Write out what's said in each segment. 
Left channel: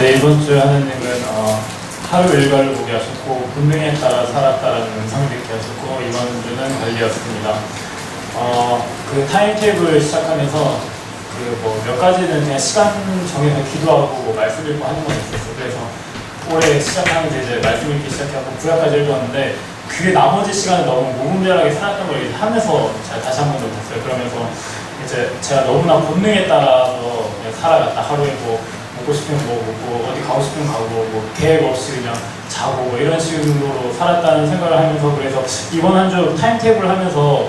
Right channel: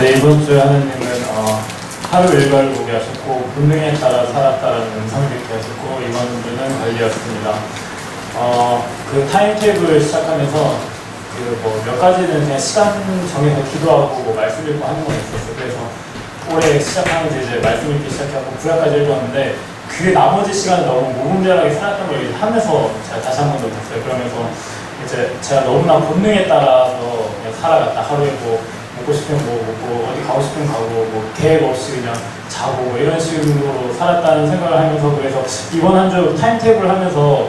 네, 이번 주에 하느님은 하루 일과를 보게 하셨고 본능에 따라 살았다라는 음성을 듣게 하셨고 이번 주는 관리였습니다. 그 타임테이블 시작하면서 그 뭐 몇 가지는 그냥 시간 정해서 기도하고 뭐 말씀 읽고 하는 건 있었어요. 그래서 올해 시작하면서 이제 말씀 읽기 시작하고 구약까지 읽었는데 그 나머지 시간을 너무 무분별하게 살았던 걸 하면서 제가 다시 한 번 더 봤어요. 그러면서 이제 제가 너무나 본능에 따라서 그냥 살아갔다. 하루에 뭐 먹고 싶으면 뭐 먹고 어디 가고 싶으면 가고 뭐 계획 없이 그냥 자고 뭐 이런 식으로 살았다는 생각을 하면서 그래서 이번 한 주 타임테이블 하면서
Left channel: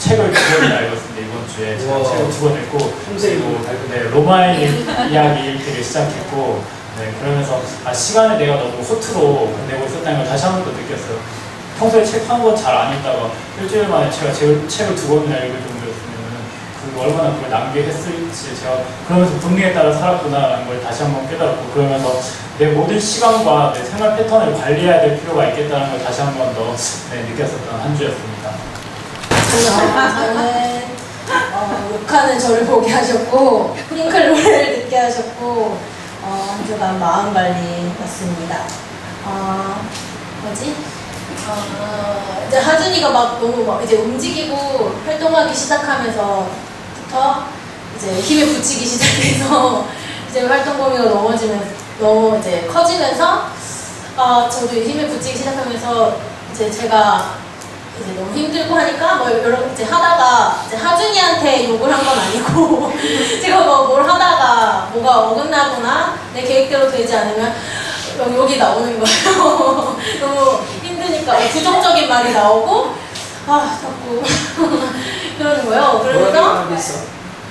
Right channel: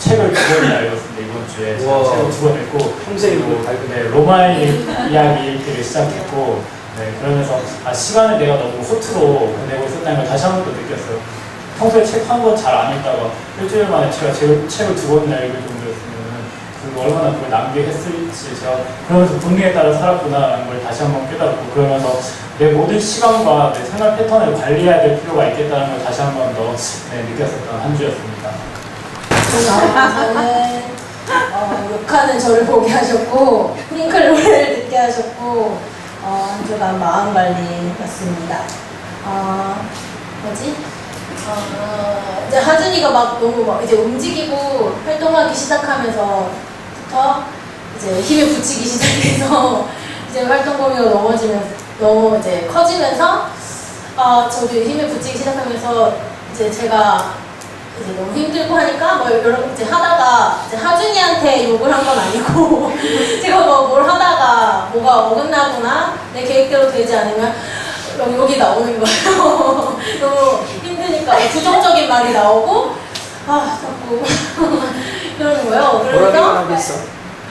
책을 2권이나 읽었습니다. 이번 주에 제가 책을 2권 읽고 평생으로 네, 로마의 이야기 읽기를 시작했고 네, 그러면서 시간을 내가 너무 호투로 보내고 있었다는 걸 다시 한 번 더 느꼈어요. 평소에 책 한 권 잘 안 읽다가 일주일 만에 제가 책을 2권이나 읽을 정도였으면 그 얼마나 그걸 낭비했을지 제가 그러면서 분리에 따라 살았구나라는 걸 다시 한 번 깨달았고 그러면서 내 모든 시간과 내 생활 패턴을 관리해야 될 필요가 있겠다는 걸 다시 한 번 더 느꼈었던 한 주였습니다. 저는 욕하는 저를 보게 하셨고 핑클 노래를 듣게 하셨고 한 주간 마음 관리였습니다. 뭐지? 이제 하준이가 막 너무 막 이제 움직이고 활동하기 시작하면서부터 이제 힘에 붙이기 시작해서 이제 활동 범위가 너무 이제 커지면서 저도 힘에 붙이기 시작하면서 이제 제가 이제 너무 힘들고 하니까 뭐 여러 이제 하다가 이제 하준이한테 욕을 한 건 아니고 제가 뭐 뭘 하다가 뭐가 어긋나거나 내 계획대로 되지 않으면 욕이 나오는 거예요. 너무 힘드니까 부정적인 말이 나오고 자꾸 그러는 거예요. 보람이만 그러면서 하겠어.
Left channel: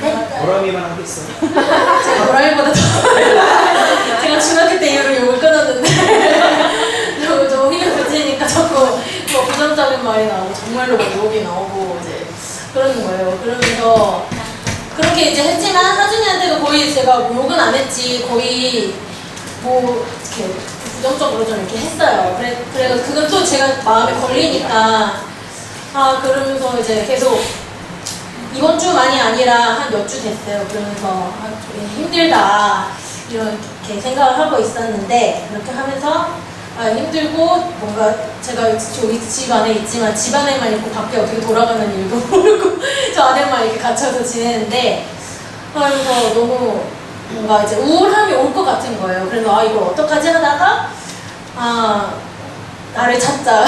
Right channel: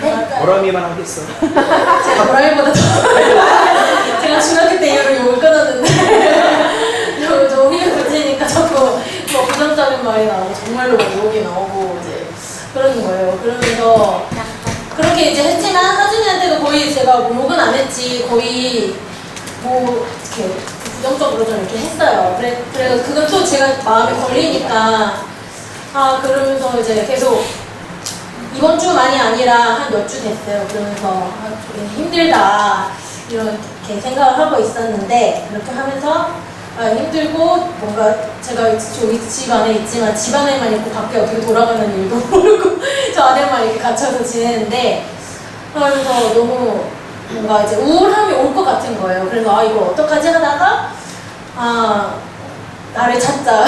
네? 보람이만 하겠어. 제가 보람이보다 더 제가 중학교 때 이후로 욕을 끊었는데 너무 힘이 붙이니까 자꾸 뭐 부정적인 말이 나오고 정말로 막 욕이 나오고 이제 그러는 거예요. 그러면서 그렇게 이제 했지만 하준이한테도 거의 제가 뭐 욕은 안 했지 거의 뭐 이렇게 부정적으로 좀 이렇게 했어요. 그래서 그건 또 제가 마음에 걸리니까 그러면서 이제 계속 이번 주만이 아니라 한 몇 주 됐어요. 그러면서 되게 힘들다 이렇게 생각을 하고 있었는데 그렇게 하면서 힘들고 뭔가 제가 여기 집 안에 있지만 집 안에만 있고 밖에 어떻게 돌아가는 일도 모르고 저 안에만 이렇게 gat혀서 지내는데 그래서 너무 뭔가 이제 우울함이 올 것 같은 거예요. 그래서 이걸 어떡하지 하다가 나를 찾자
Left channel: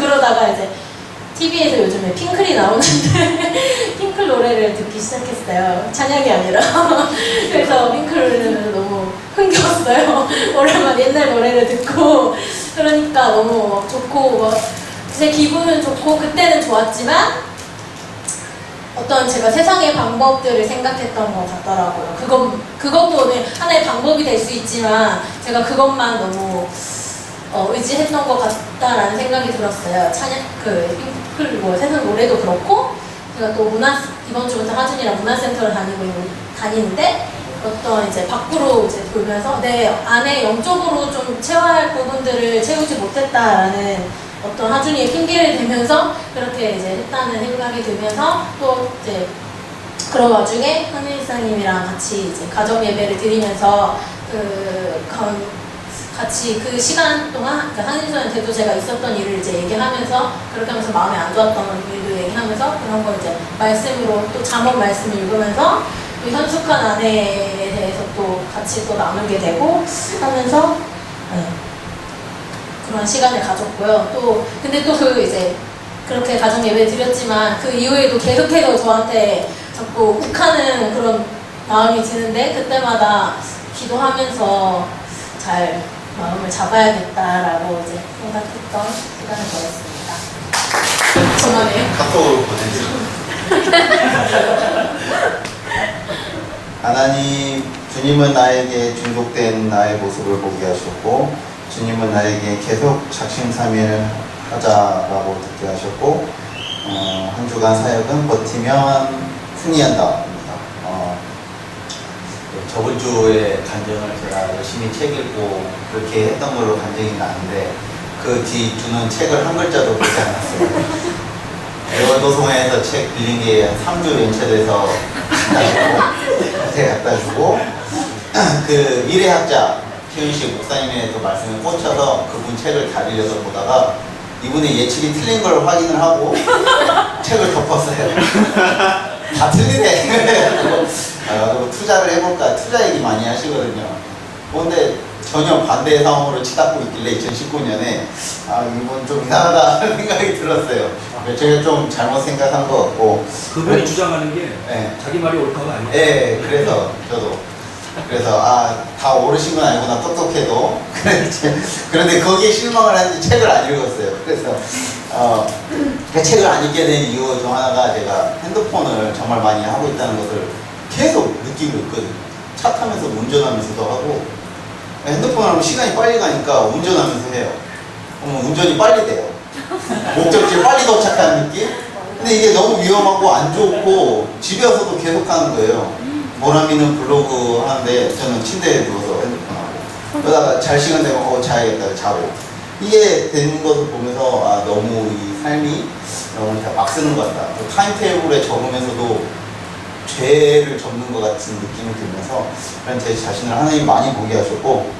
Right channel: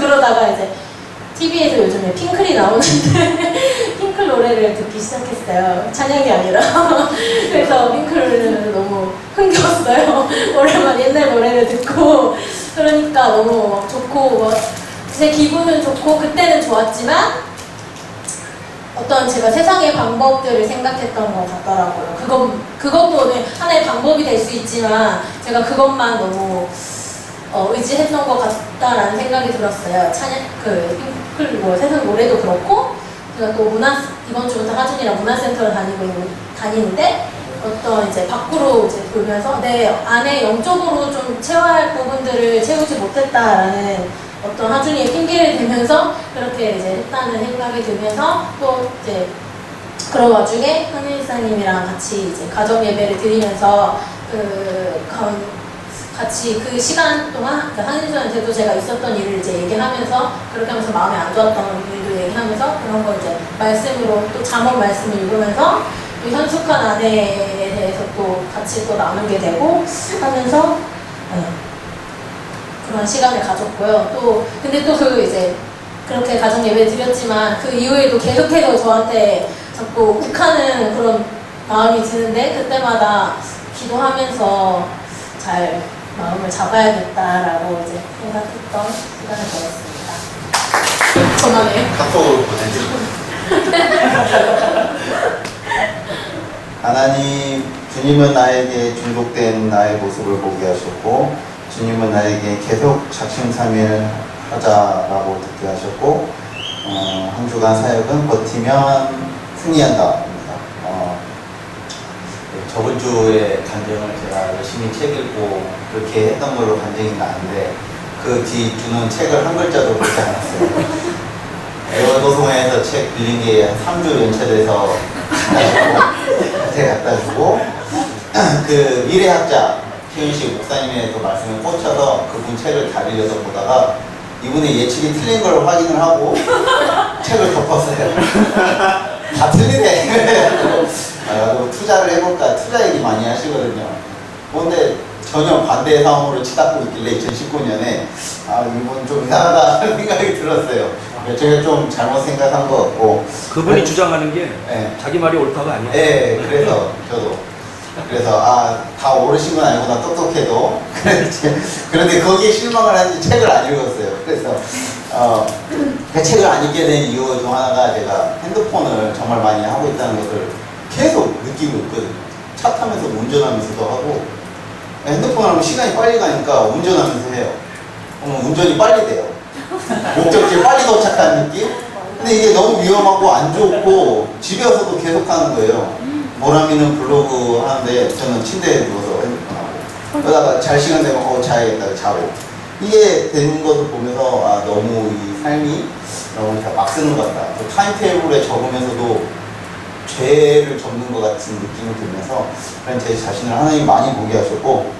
그러다가 이제 TV에서 요즘에 핑클이 나오는데 핑클 노래를 듣기 시작했어요. 찬양이 아니라 그래서 핑클을 너무 흥겨웠어요. 오랜만에 옛날 노래를 듣고 그러니까 너무 좋고 제 기분은 좋고 그때는 좋았지만 어떤 제가 세상의 방법들을 생각했던 것 같더라고요. 그것도 하나의 방법이 될 수 있지만 제가 그것만 너무 의지했던 것 같다라는 생각이 들었어요. 핑클 세상 노래도 그렇고 제가 또 이번 주부터 하준이랑 문화센터를 다니는데 어떤 이제 밖으로 이제 돌면서 내 안에 영적으로 좀 채워야 할 부분들을 채우지 못했다라는 어떤 하준이의 핑계를 대면서 그렇게 이제 했다는 생각이 들면서 또 이제 그런 와중에 한일사님이랑 같이 이제 가정 예배를 드리면서 같이 그 시간 동안 한일사님한테도 제가 있었던 일을 이제 얘기하면서 그렇게 하면서 마음에 안 좋았던 일도 얘기하면서 그런 걸 이제 말씀으로 또 잠언 말씀을 읽으면서 또 현숙한 아내에 대해서 또 같이 또 나누게 되고 하면서 그런 시간을 가졌고요. 근데 또 이제 그렇게 가정 예배 드렸지만 그 이후에도 계속해서 저한테 자꾸 욱하는 그런 마음이 드는데 그때마다 기도하면서 잘 마음을 잡아야겠다라고 이제 생각했던 시간을 보냈습니다. 저만의 카톡으로 보내드립니다. 하나님, 주님은 나에게 중독된 나의 모습을 보게 하셨고 주님은 나에게 계속 작심삼일 하자라고 듣게 하셨고 한 주간 사역은 버티면 승리한다. 저번 주에 간증을 제가 열심히 책 읽고 그렇게 했던 걸로 간증이 나는데 그 뒤주는 책을 한 글자도 보지 않았어요. 애월도송에서 책 빌린 게 한 3주 연체돼서 갖다 주고 그 미래학자 최윤식 목사님의 그 말씀에 꽂혀서 그분 책을 다 빌려서 보다가 이분의 예측이 틀린 걸 확인을 하고 책을 덮었어요. 다 틀리네. 그리고 투자를 해볼까, 투자 얘기 많이 하시거든요. 근데 전혀 반대의 상황으로 치닫고 있길래 2019년에 이분 좀 이상하다 생각이 들었어요. 제가 좀 잘못 생각한 것 같고. 그분이 주장하는 게 네. 자기 말이 옳다가 아니에요. 네, 그래서 저도 다 오르신 건 아니구나, 똑똑해도. 그런데 거기에 실망을 하는지 책을 안 읽었어요. 그래서 그 책을 안 읽게 된 이유 중 하나가 제가 핸드폰을 정말 많이 하고 있다는 것을 계속 느끼고 있거든요. 차 타면서 운전하면서도 하고, 핸드폰 하면 시간이 빨리 가니까 운전하면서 해요. 운전이 빨리 돼요. 목적지에 빨리 도착하는 느낌? 근데 이게 너무 위험하고 안 좋고 집에 와서도 계속 하는 거예요. 모라미는 블로그 하는데 저는 침대에 누워서 핸드폰 하고, 그러다가 잘 시간 되면 자야겠다 자고, 이게 되는 것을 보면서 너무 이 삶이 너무 막 쓰는 것 같다. 타임테이블에 적으면서도 죄를 접는 것 같은 느낌이 들면서 그런 제 자신을 하나님 많이 보게 하셨고,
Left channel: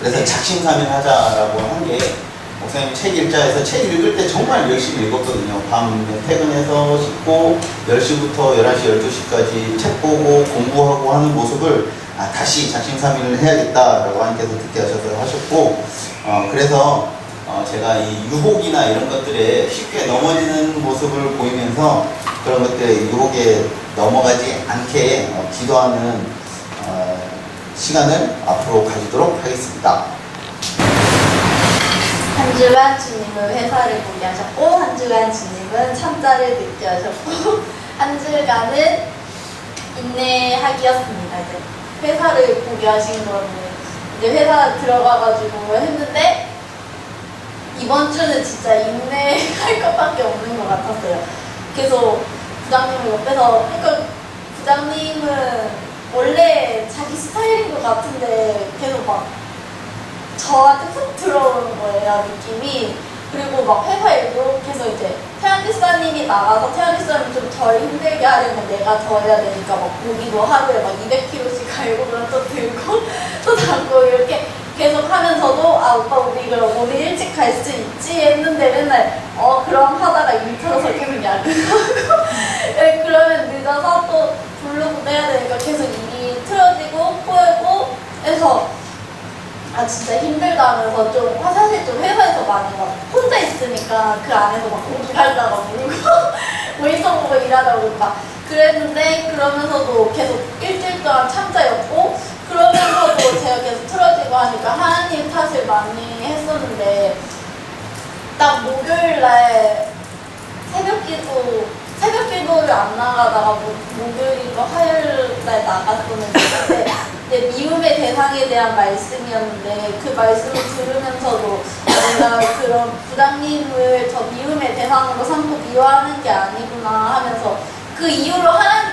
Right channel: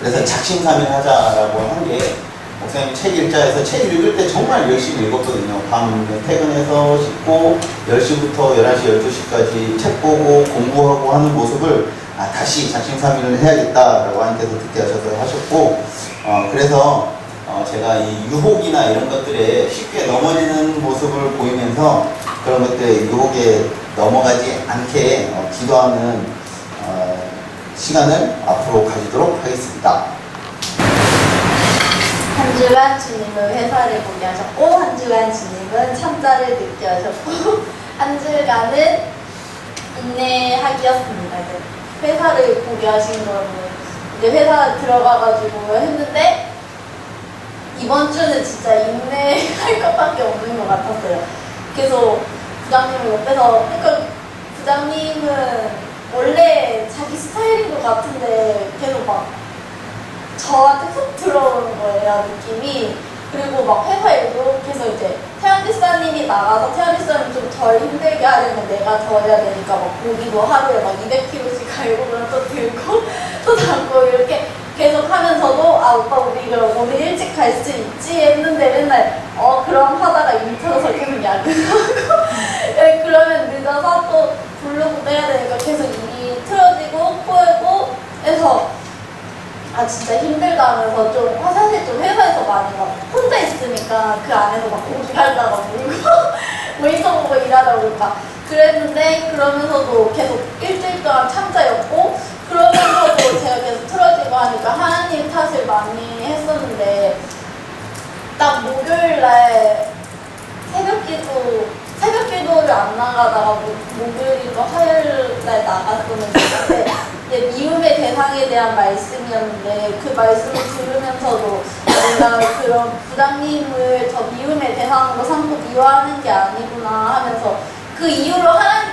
그래서 작심삼일하자라고 한 게, 목사님 책 읽자에서 책 읽을 때 정말 열심히 읽었거든요. 밤 퇴근해서 씻고 10시부터 11시, 12시까지 책 보고 공부하고 하는 모습을 다시 작심삼일을 해야겠다라고 하나님께서 듣게 하셨고, 그래서 제가 이 유혹이나 이런 것들에 쉽게 넘어지는 모습을 보이면서 그런 것들의 유혹에 넘어가지 않게 기도하는 시간을 앞으로 가지도록 하겠습니다. 한 주간 주님은 회사를 보게 하셨고, 한 주간 주님은 참자를 느끼게 하셨고, 한 주간은 인내하기였습니다. 이제 회사를 보게 하신 거는 이제 회사 들어가가지고 했는데, 이번 주는 진짜 인내할 것밖에 없는 것 같았어요. 계속 부장님을 옆에서, 그러니까 부장님은 원래 자기 스타일인 것 같은데 계속 막 저한테 훅 들어오는 거예요, 느낌이. 그리고 막 회사 일도 계속 이제 태연 집사님이 나가서 태연 집사님 좀 덜 힘들게 하려면 내가 더 해야 되니까 막 고기도 하루에 막 200kg씩 갈고 그럼 또 들고 또 담고 이렇게 계속 하면서도 오빠 우리 그럼 오늘 일찍 갈 수 있지 했는데 맨날 그럼 하다가 일 터져서 계속 야근하고 그러면 늦어서 또 블로그도 해야 되니까 계속 일이 틀어지고 꼬이고 해서 진짜 힘들다 하면서 좀 사실 좀 회사에서 많이 막 혼자 있으니까 그 안에서 막 고기 갈다가 울고 모니터 보고 일하다 보니까 그랬는데, 그러면서도 계속 일주일 동안 참자였고, 그러면서도 제가 계속 틀어지고 하니까 하나님 탓을 많이 했었는데, 딱 목요일날 새벽 기도를 안 나가다가 목요일인가 화요일날 나갔었는데 네, 미움의 대상에 대한 말씀이었는데, 그 말씀을 들으면서도 내가 그런 부장님을 저 미움의 대상으로 삼고 미워하는 게 아니구나 하면서, 그 이후로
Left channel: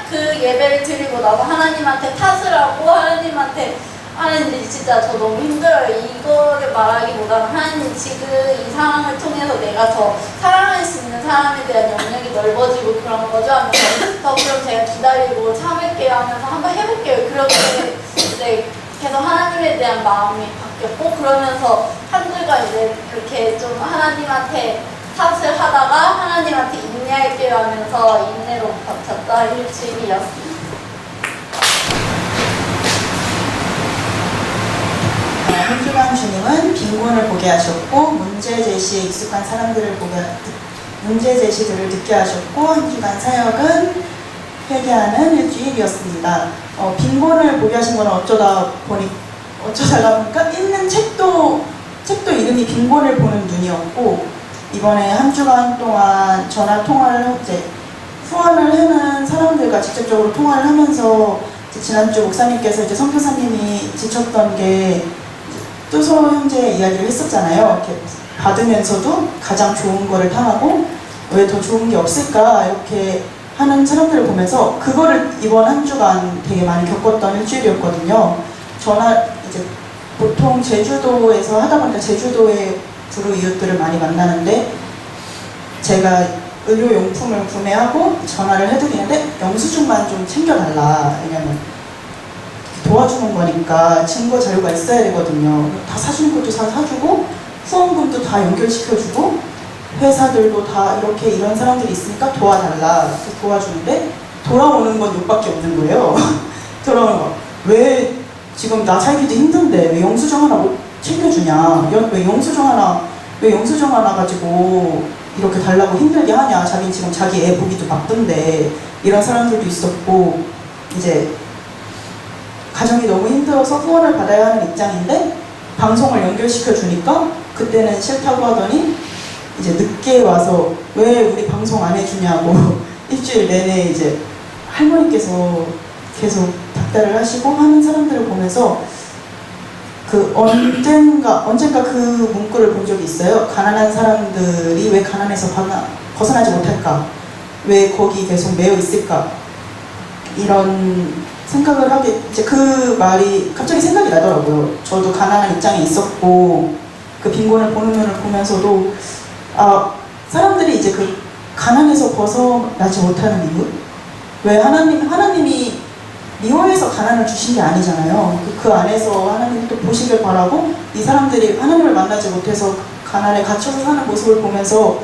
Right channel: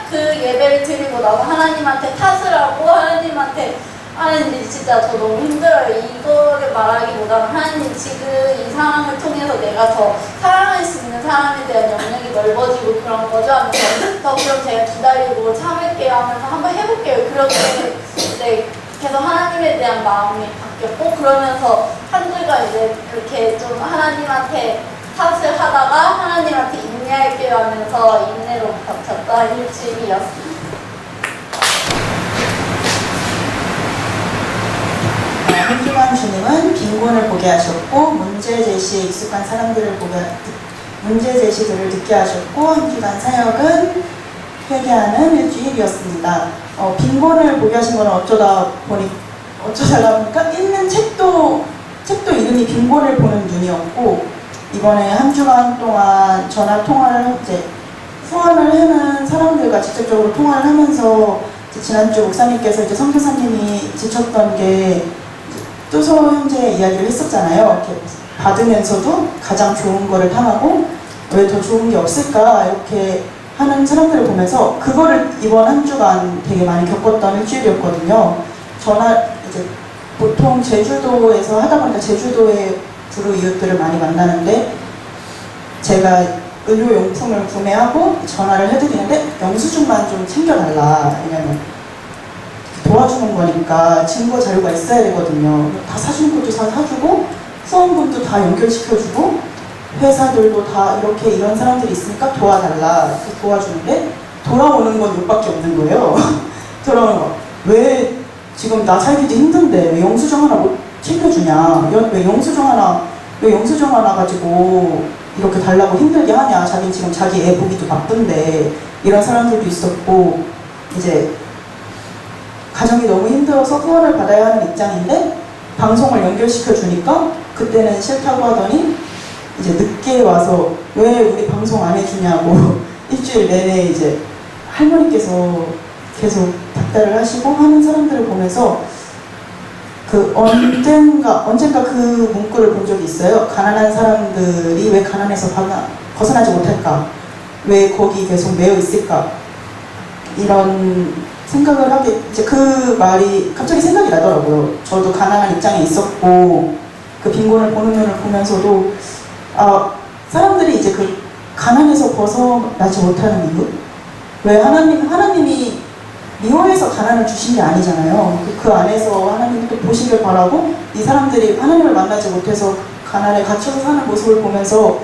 그 예배를 드리고 나서 하나님한테 탓을 하고 하나님 진짜 저 너무 힘들어요. 이거를 말하기보다는 하나님 지금 이 상황을 통해서 내가 더 사랑할 수 있는 사람에 대한 영역이 넓어지고 그런 거죠 하면서 더 그럼 제가 기다리고 참을게요 하면서 한번 해볼게요. 그렇게 이제 계속 하나님에 대한 마음이 바뀌었고, 그러면서 한 주가 이제 그렇게 좀 하나님한테 탓을 하다가 하나님한테 인내할게요 하면서 인내로 버텼던 일주일이었습니다. 한 주간 주님은 빈곤을 보게 하셨고, 문제 제시에 익숙한 사람들을 문제 제시들을 듣게 하셨고, 한 주간 사역은 회개하는 일주일이었습니다. 빈곤을 보게 하신 건 어쩌다가 보니까 읽는 책도 이름이 빈곤을 보는 눈이었고, 이번에 한 주간 동안 전화 통화를 후원을 하는 사람들과 직접적으로 통화를 하면서 지난주 목사님께서 선교사님이 지쳤던 게 뜨소 형제 이야기를 했었잖아요. 이렇게 받으면서도 가장 좋은 거를 탐하고 왜 더 좋은 게 없을까 이렇게 하는 사람들을 보면서 그거를 이번 한 주간 되게 많이 겪었던 일주일이었거든요. 보통 제주도에서 하다 보니까 제주도의 불우 이웃들을 많이 만나는데, 제가 의료용품을 구매하고 전화를 해드리는데 영수증만 좀 챙겨달라. 왜냐면 도와주는 거니까 증거 자료가 있어야 되거든요. 다 사주는 것도 다 사주고 후원금도 다 연결시켜주고 회사들도 다 이렇게 이런 사람들이 있으니까 도와달라 그래서 도와주는데 돌아오는 건 욕밖에 없는 거예요. 돌아오는 거. 왜 지금 나 살기도 힘든데 왜 영수증 하나 못 챙겨주냐? 왜 영수증 하나 가지고 이렇게 달라고 힘들게 하냐? 자기는 지금 자기 애 보기도 바쁜데 이런 사람들도 있었고 이제 가정이 너무 힘들어서 후원을 받아야 하는 입장인데 방송을 연결시켜 주니까 그때는 싫다고 하더니 이제 늦게 와서 왜 우리 방송 안 해주냐고 일주일 내내 이제 할머니께서 계속 닥달을 하시고 하는 사람들을 보면서 그 언젠가 그 문구를 본 적이 있어요. 가난한 사람들이 왜 가난에서 벗어나지 못할까? 왜 거기 계속 매여 있을까? 이런 생각을 하게 이제 그 말이 갑자기 생각이 나더라고요. 저도 가난한 입장에 있었고 그 빈곤을 보는 눈을 보면서도 사람들이 이제 그 가난에서 벗어나지 못하는 이유? 왜 하나님이 미워해서 가난을 주신 게 아니잖아요. 그 안에서 하나님이 또 보시길 바라고 이 사람들이 하나님을 만나지 못해서 가난에 갇혀서 사는 모습을 보면서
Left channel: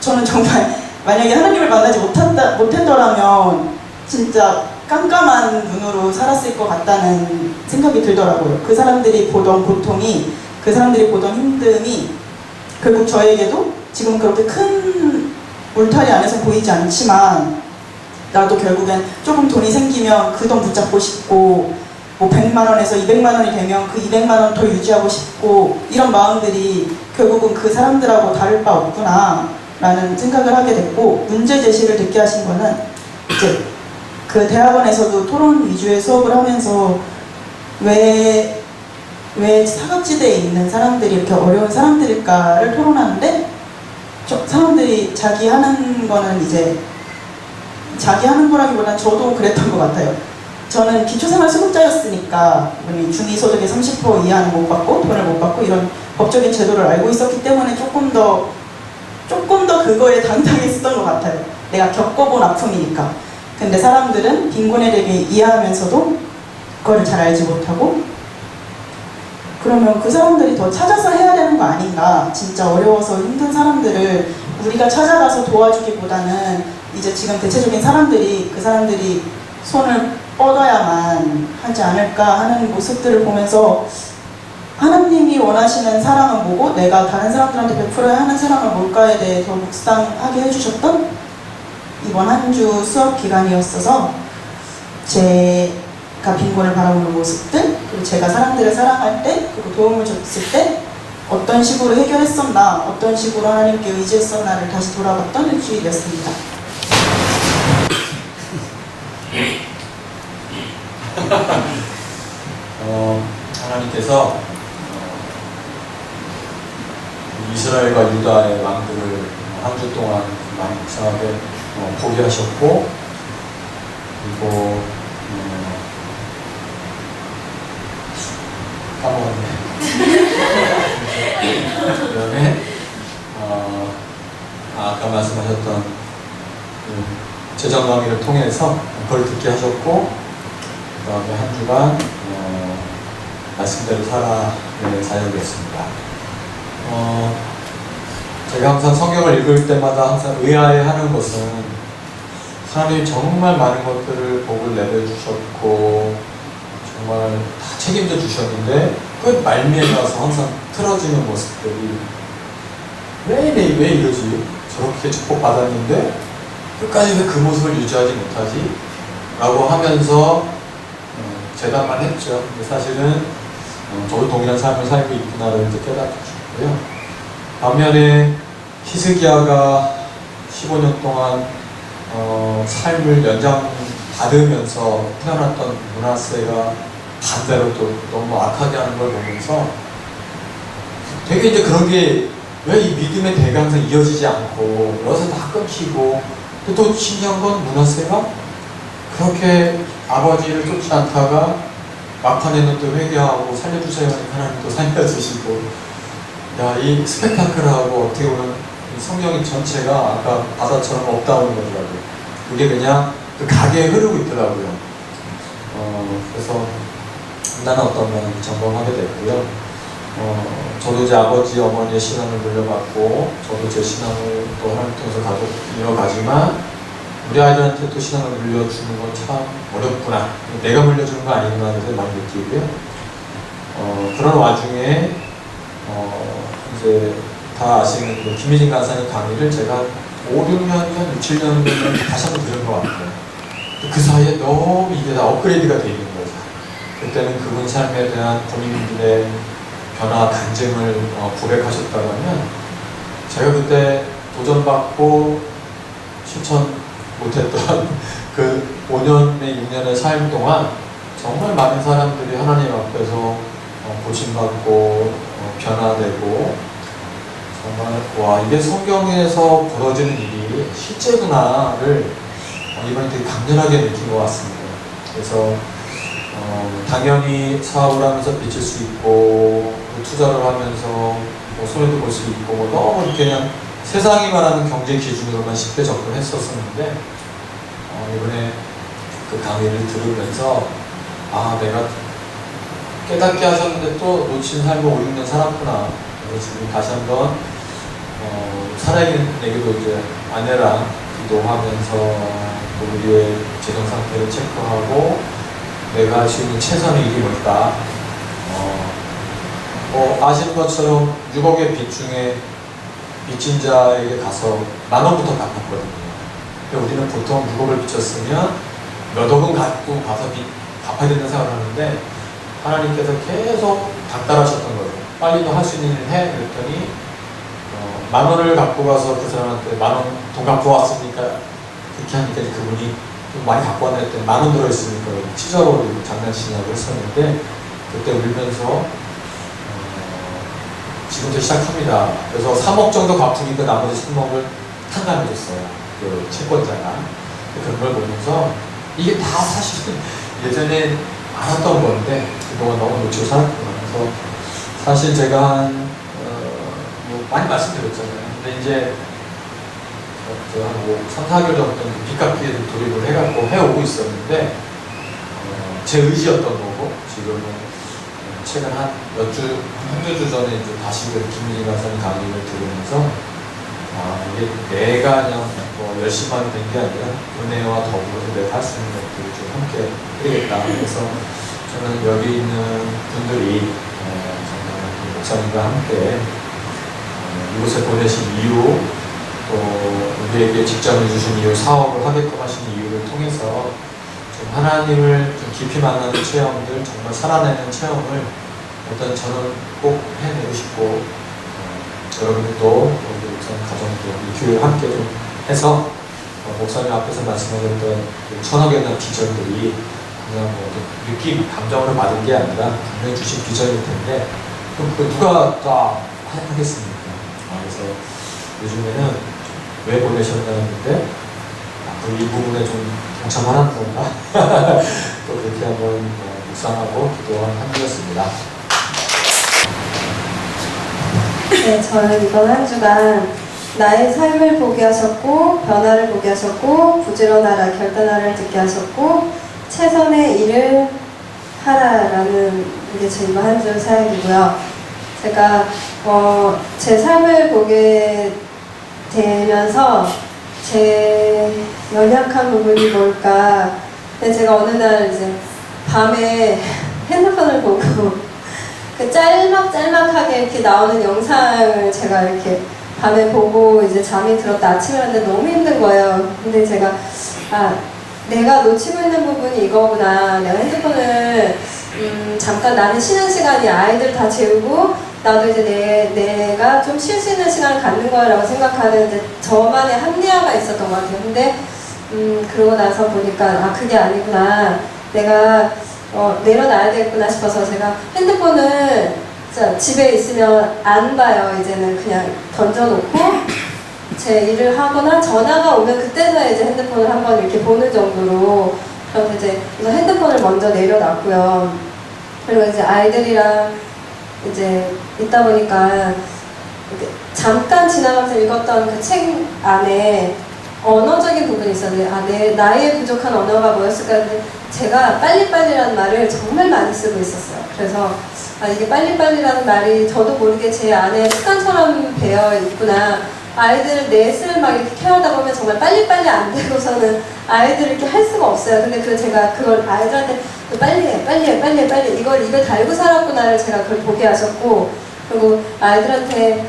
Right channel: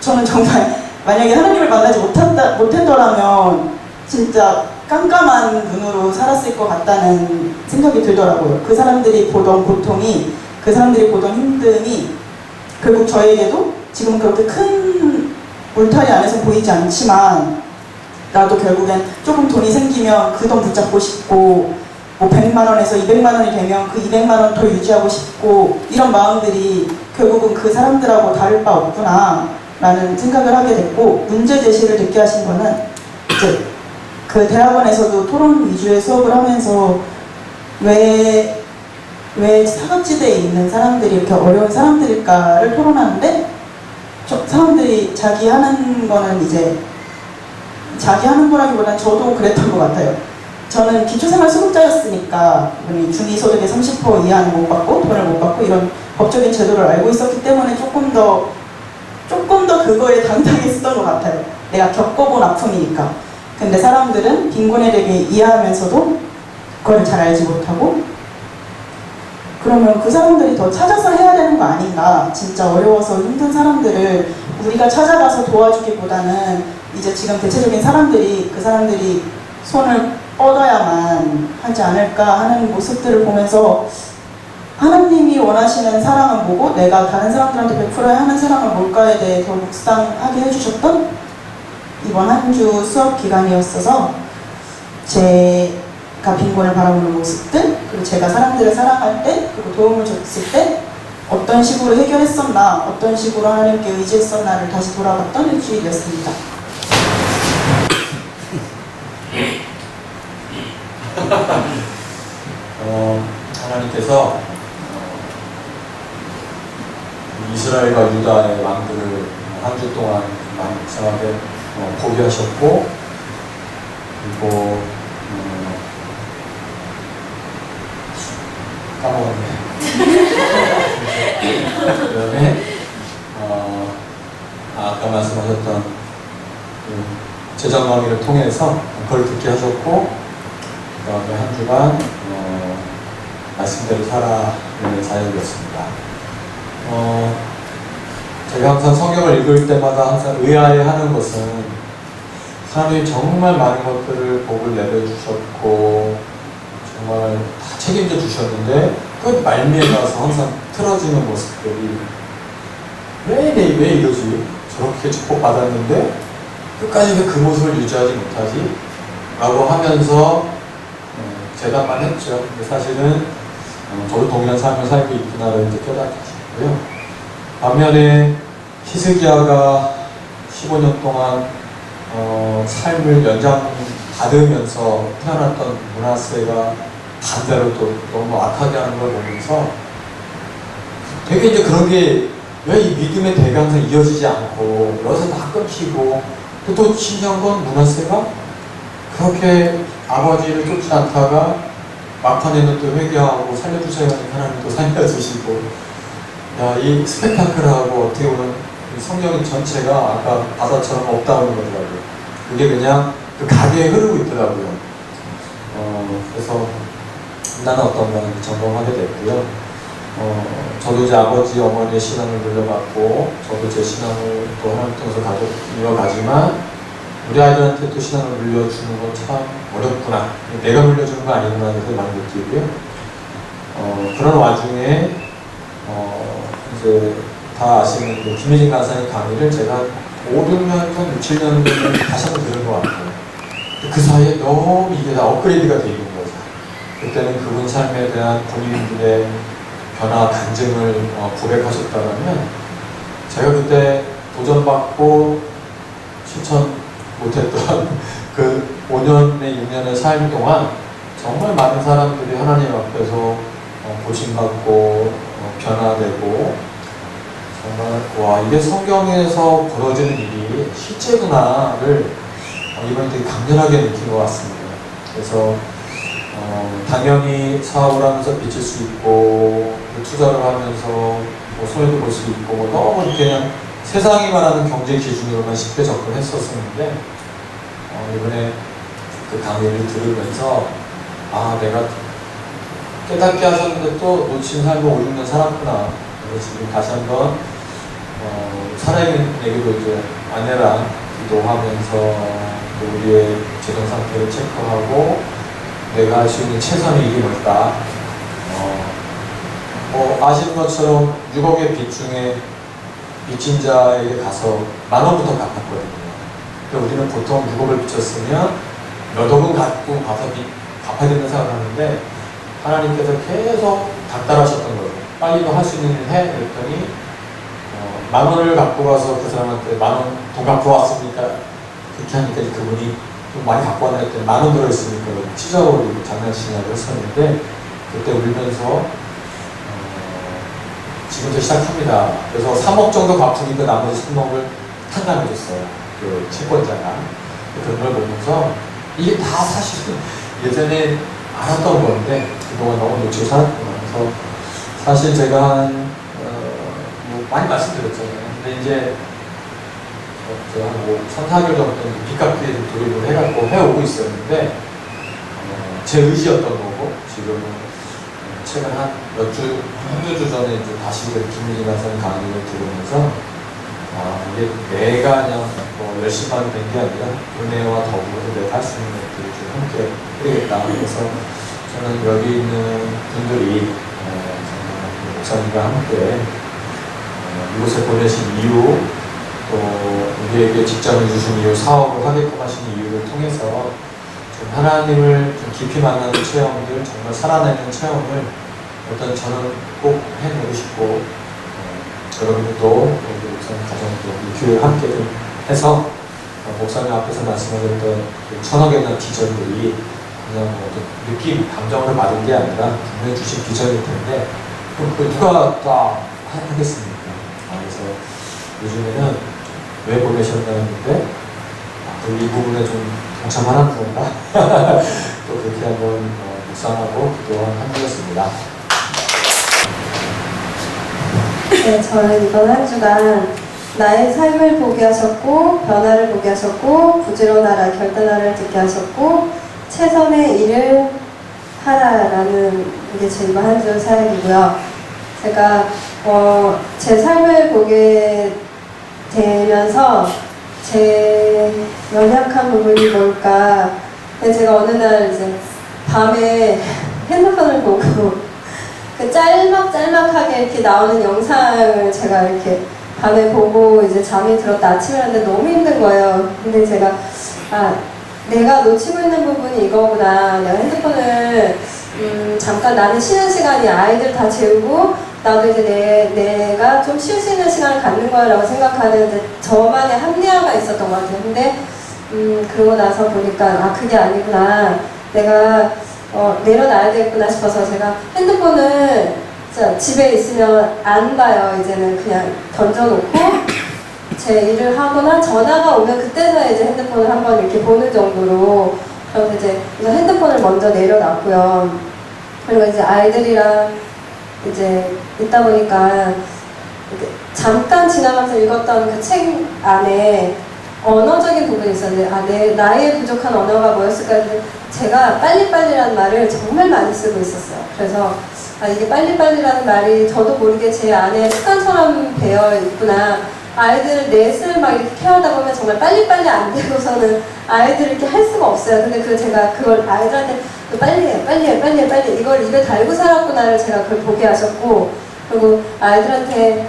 저는 정말 만약에 하나님을 만나지 못했더라면 진짜 깜깜한 눈으로 살았을 것 같다는 생각이 들더라고요. 그 사람들이 보던 고통이, 그 사람들이 보던 힘듦이 결국 저에게도 지금 그렇게 큰 울타리 안에서 보이지 않지만 나도 결국엔 조금 돈이 생기면 그 돈 붙잡고 싶고 뭐 100만 원에서 200만 원이 되면 그 200만 원 더 유지하고 싶고 이런 마음들이 결국은 그 사람들하고 다를 바 없구나 라는 생각을 하게 됐고 문제 제시를 듣게 하신 거는 이제 그 대학원에서도 토론 위주의 수업을 하면서 왜 사각지대에 있는 사람들이 이렇게 어려운 사람들일까를 토론하는데 사람들이 자기 하는 거는 이제 자기 하는 거라기보다는 저도 그랬던 것 같아요. 저는 기초생활수급자였으니까 중위소득의 30% 이하는 못 받고 돈을 못 받고 이런 법적인 제도를 알고 있었기 때문에 조금 더 그거에 당당했었던 것 같아요. 내가 겪어본 아픔이니까. 근데 사람들은 빈곤에 대해 이해하면서도 그거를 잘 알지 못하고 그러면 그 사람들이 더 찾아서 해야 되는 거 아닌가. 진짜 어려워서 힘든 사람들을 우리가 찾아가서 도와주기보다는 이제 지금 대체적인 사람들이 그 사람들이 손을 뻗어야만 하지 않을까 하는 모습들을 보면서 하나님이 원하시는 사랑은 뭐고 내가 다른 사람들한테 베풀어야 하는 사랑은 뭘까에 대해 더 묵상하게 해주셨던 이번 한 주 수업 기간이었어서 제가 빈곤을 바라보는 모습들 그리고 제가 사람들을 사랑할 때 그리고 도움을 줬을 때 어떤 식으로 해결했었나 어떤 식으로 하나님께 의지했었나를 다시 돌아봤던 일주일이었습니다. 하나님께서 이스라엘과 유다의 왕들을 한 주 동안 묵상하게 포기하셨고 그리고 까먹었네. 그다음에 아까 말씀하셨던 재정강의를 통해서 그걸 듣게 하셨고 그 다음에 한 주간 말씀대로 살아내는 사역이었습니다. 제가 항상 성경을 읽을 때마다 항상 의아해하는 것은 하나님이 정말 많은 것들을 복을 내려주셨고 정말 다 책임져 주셨는데 끝 말미에 가서 항상 틀어지는 모습들이 왜 이러지? 저렇게 축복받았는데 끝까지 왜 그 모습을 유지하지 못하지? 라고 하면서 재단만 했죠. 근데 사실은 저도 동일한 삶을 살고 있구나를 이제 깨닫게 하셨고요. 반면에 히스기야가 15년 동안 삶을 연장받으면서 태어났던 므낫세가 반대로 또 너무 악하게 하는 걸 보면서 되게 이제 그런 게 왜 이 믿음의 대가 항상 이어지지 않고 여기서 다 끊기고 또 신기한 건 므낫세가 그렇게 아버지를 쫓지 않다가 막판에는 또 회개하고 살려주세요 하는 하나님도 살려주시고 야, 이 스펙타클하고 어떻게 보면 성경 전체가 아까 바다처럼 없다는 거더라고요. 그게 그냥 그 가게에 흐르고 있더라고요. 그래서 나는 어떤 걸 점검하게 됐고요. 저도 이제 아버지, 어머니의 신앙을 물려받고 저도 제 신앙을 또 하나님 통해서 이어가지만 우리 아이들한테 또 신앙을 물려주는 건 참 어렵구나. 내가 물려주는 거 아니구나 해서 많이 느끼고요. 그런 와중에 이제 다 아시는 그 김혜진 간사님 강의를 제가 5, 6년 전, 6, 7년 전에 다시 한번 들은 것 같아요. 그 사이에 너무 이게 다 업그레이드가 돼 있는 거죠. 그때는 그분 삶에 대한 본인들의 변화, 간증을 고백하셨다면 제가 그때 도전받고 실천 못했던 그 5년의 6년의 삶 동안 정말 많은 사람들이 하나님 앞에서 고침받고 변화되고 정말 와 이게 성경에서 벌어지는 일이 실제구나를 이번에 되게 강렬하게 느낀 것 같습니다. 그래서 당연히 사업을 하면서 빚을 수 있고 투자를 하면서 뭐 손해도 볼 수 있고 뭐 너무 이렇게 그냥 세상이 말하는 경제 기준으로만 쉽게 접근했었었는데 이번에 그 강의를 들으면서 아 내가 깨닫게 하셨는데 또 놓친 삶을 5, 6년 살았구나. 그래서 지금 다시 한번 살아있는에게도 이제 아내랑 기도하면서 또 우리의 재정 상태를 체크하고 내가 할 수 있는 최선의 일이 뭘까. 아시는 것처럼 6억의 빚 중에 빚진 자에게 가서 10,000원부터 갚았거든요. 근데 우리는 보통 6억을 빚졌으면 몇 억은 갖고 가서 갚아야 된다는 생각을 하는데 하나님께서 계속 닥달하셨던 거죠. 빨리 너 할 수 있는 일 해. 그랬더니 10,000원을 갖고 가서 그 사람한테 10,000원 돈 갖고 왔으니까 그렇게 하니까 그분이 좀 많이 갖고 왔나 했더니 10,000원 들어있으니까 찢어버리고 장난치냐고 했었는데 그때 울면서 지금부터 시작합니다. 그래서 3억 정도 갚으니까 나머지 3억을 탕감해줬어요. 그 채권자가. 그런 걸 보면서 이게 다 사실은 예전에 알았던 건데 그동안 너무 놓치고 살았구나. 그래서 사실 제가 뭐 많이 말씀드렸잖아요. 근데 이제 제가 뭐 3, 4개월 전부터 빚 갚기에 돌입을 해갖고 해오고 있었는데 제 의지였던 거고 지금은 최근 한두 주 전에 이제 다시 그 김민희 간사님 강의를 들으면서 이게 내가 그냥 뭐 열심히만 된 게 아니라 은혜와 더불어서 내가 할 수 있는 것들을 좀 함께 해야겠다. 그래서 저는 여기 있는 분들이 정말 목사님과 함께 이곳에 보내신 이유 또 우리에게 직장을 주신 이유, 사업을 하게끔 하신 이유를 통해서 좀 하나님을 좀 깊이 만나는 체험들, 정말 살아내는 체험을 일단 저는 꼭 해내고 싶고 여러분들도 우리 목사님 가정도 우리 교회 함께 좀 해서 목사님 앞에서 말씀하셨던 그 1,000억에 대한 비전들이 그냥 뭐 느낌, 감정으로 받은 게 아니라 분명히 주신 비전일 텐데 그럼 그 누가 다 하겠습니까? 그래서 요즘에는 왜 보내셨나 했는데 이 부분에 좀 동참하는 건가? 또 그렇게 한번 묵상하고 기도한 한주였습니다. 네, 저는 이번 한 주간 나의 삶을 보게 하셨고 변화를 보게 하셨고 부지런하라 결단하라를 듣게 하셨고 최선의 일을 하라라는 게 제 이번 한 주 사역이고요. 제가 제 삶을 보게 되면서 제 연약한 부분이 뭘까. 근데 제가 어느 날 이제 밤에 핸드폰을 보고 그 짤막하게 이렇게 나오는 영상을 제가 이렇게 밤에 보고 이제 잠이 들었다 아침에 왔는데 너무 힘든 거예요. 근데 제가 내가 놓치고 있는 부분이 이거구나. 내가 핸드폰을 잠깐 나는 쉬는 시간이 아이들 다 재우고 나도 이제 내가 좀 쉴 수 있는 시간을 갖는 거야 라고 생각하는 이제 저만의 합리화가 있었던 것 같아요. 근데 그러고 나서 보니까 그게 아니구나. 내가 내려놔야 되겠구나 싶어서 제가 핸드폰을 집에 있으면 안 봐요. 이제는 그냥 던져놓고 제 일을 하거나 전화가 오면 그때서야 이제 핸드폰을 한번 이렇게 보는 정도로. 그래서 이제 핸드폰을 먼저 내려놨고요. 그리고 이제 아이들이랑 이제 있다 보니까 잠깐 지나가면서 읽었던 그 책 안에 언어적인 부분이 있었는데 나의 부족한 언어가 뭐였을까 했는데 제가 빨리빨리라는 말을 정말 많이 쓰고 있었어요. 그래서 이게 빨리빨리라는 말이 저도 모르게 제 안에 습관처럼 배어 있구나. 아이들 넷을 막 이렇게 케어하다 보면 정말 빨리빨리 안 되고서는 아이들을 이렇게 할 수가 없어요. 근데 제가 그걸 아이들한테 빨리 해, 이걸 입에 달고 살았구나를 제가 그걸 보게 하셨고, 그리고 아이들한테